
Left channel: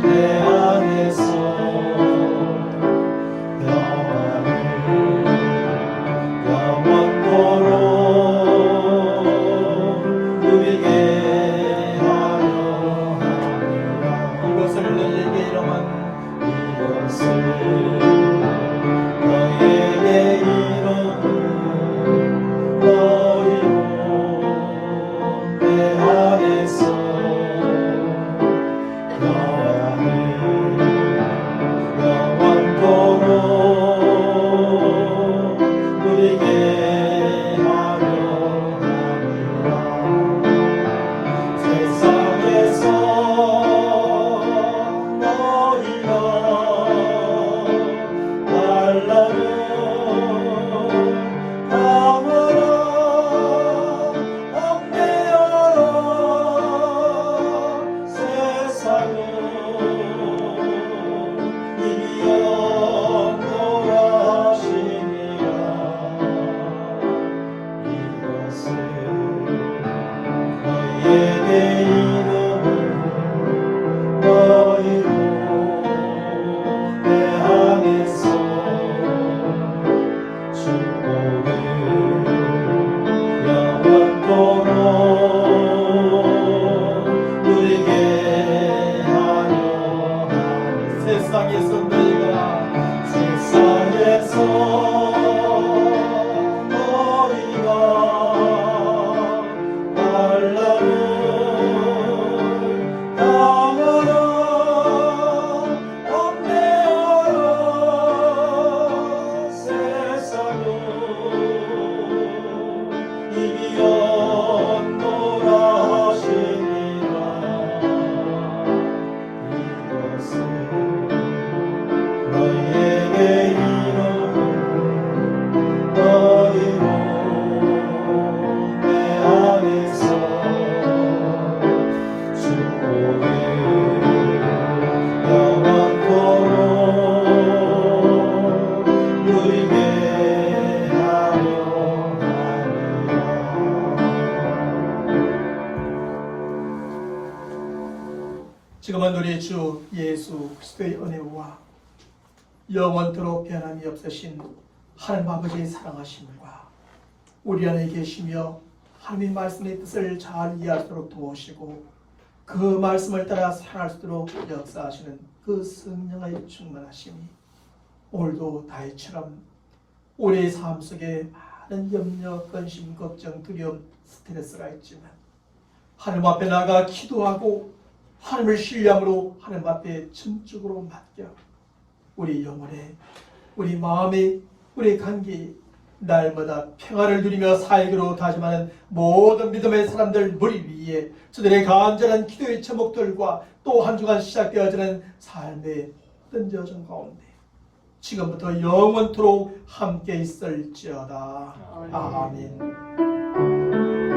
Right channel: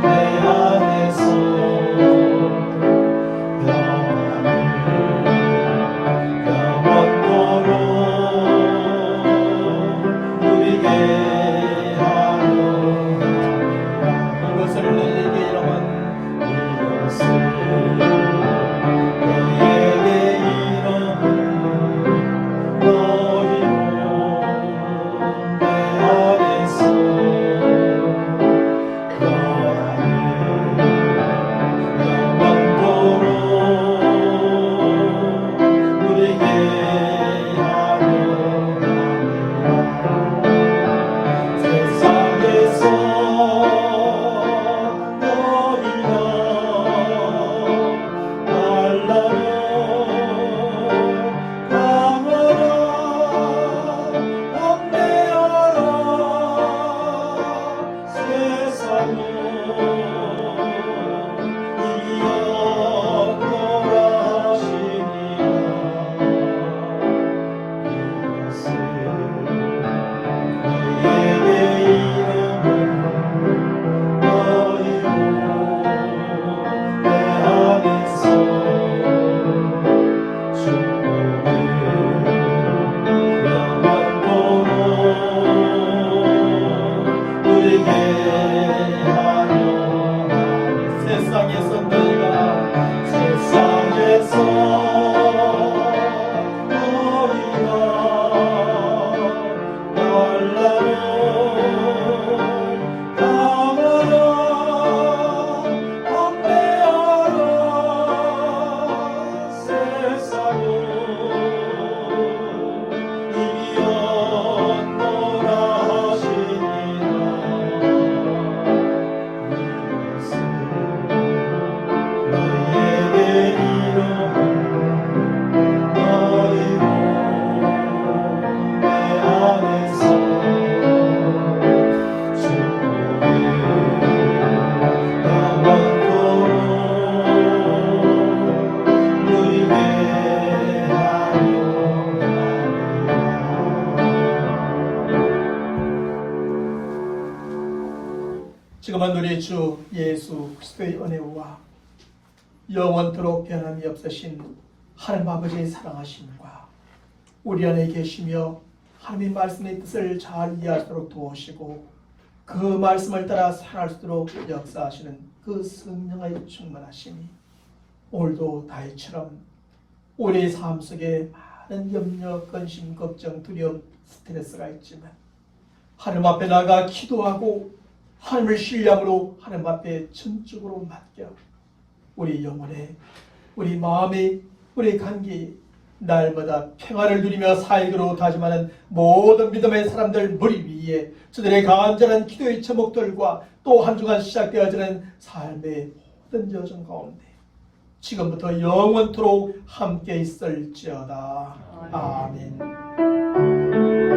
내 안에서 지금은 우리 주 예수 그리스도의 은혜와 영원토록 변함이 없으신 하나님 아버지의 사랑하심과 우리 안에 계시며 하나님의 말씀의 뜻을 잘 이해할 수 있도록 도우시고 그 말씀을 따라 살아갈 수 있도록 역사하시는 그 성령의 충만하심이 오늘도 다윗처럼 우리의 삶 속에 많은 염려, 근심, 걱정, 두려움, 스트레스가 있지만 하나님 앞에 나가 기도하고 하나님을 신뢰함으로 하나님 앞에 전적으로 맡겨 우리 영혼에, 우리 마음에, 우리 관계에 날마다 평안을 누리며 살기로 다짐하는 모든 믿음의 사람들 머리 위에 저들의 간절한 기도의 제목들과 또 한 주간 시작되어지는 삶의 모든 여정 가운데 지금부터 영원토록 함께 있을지어다. 아멘.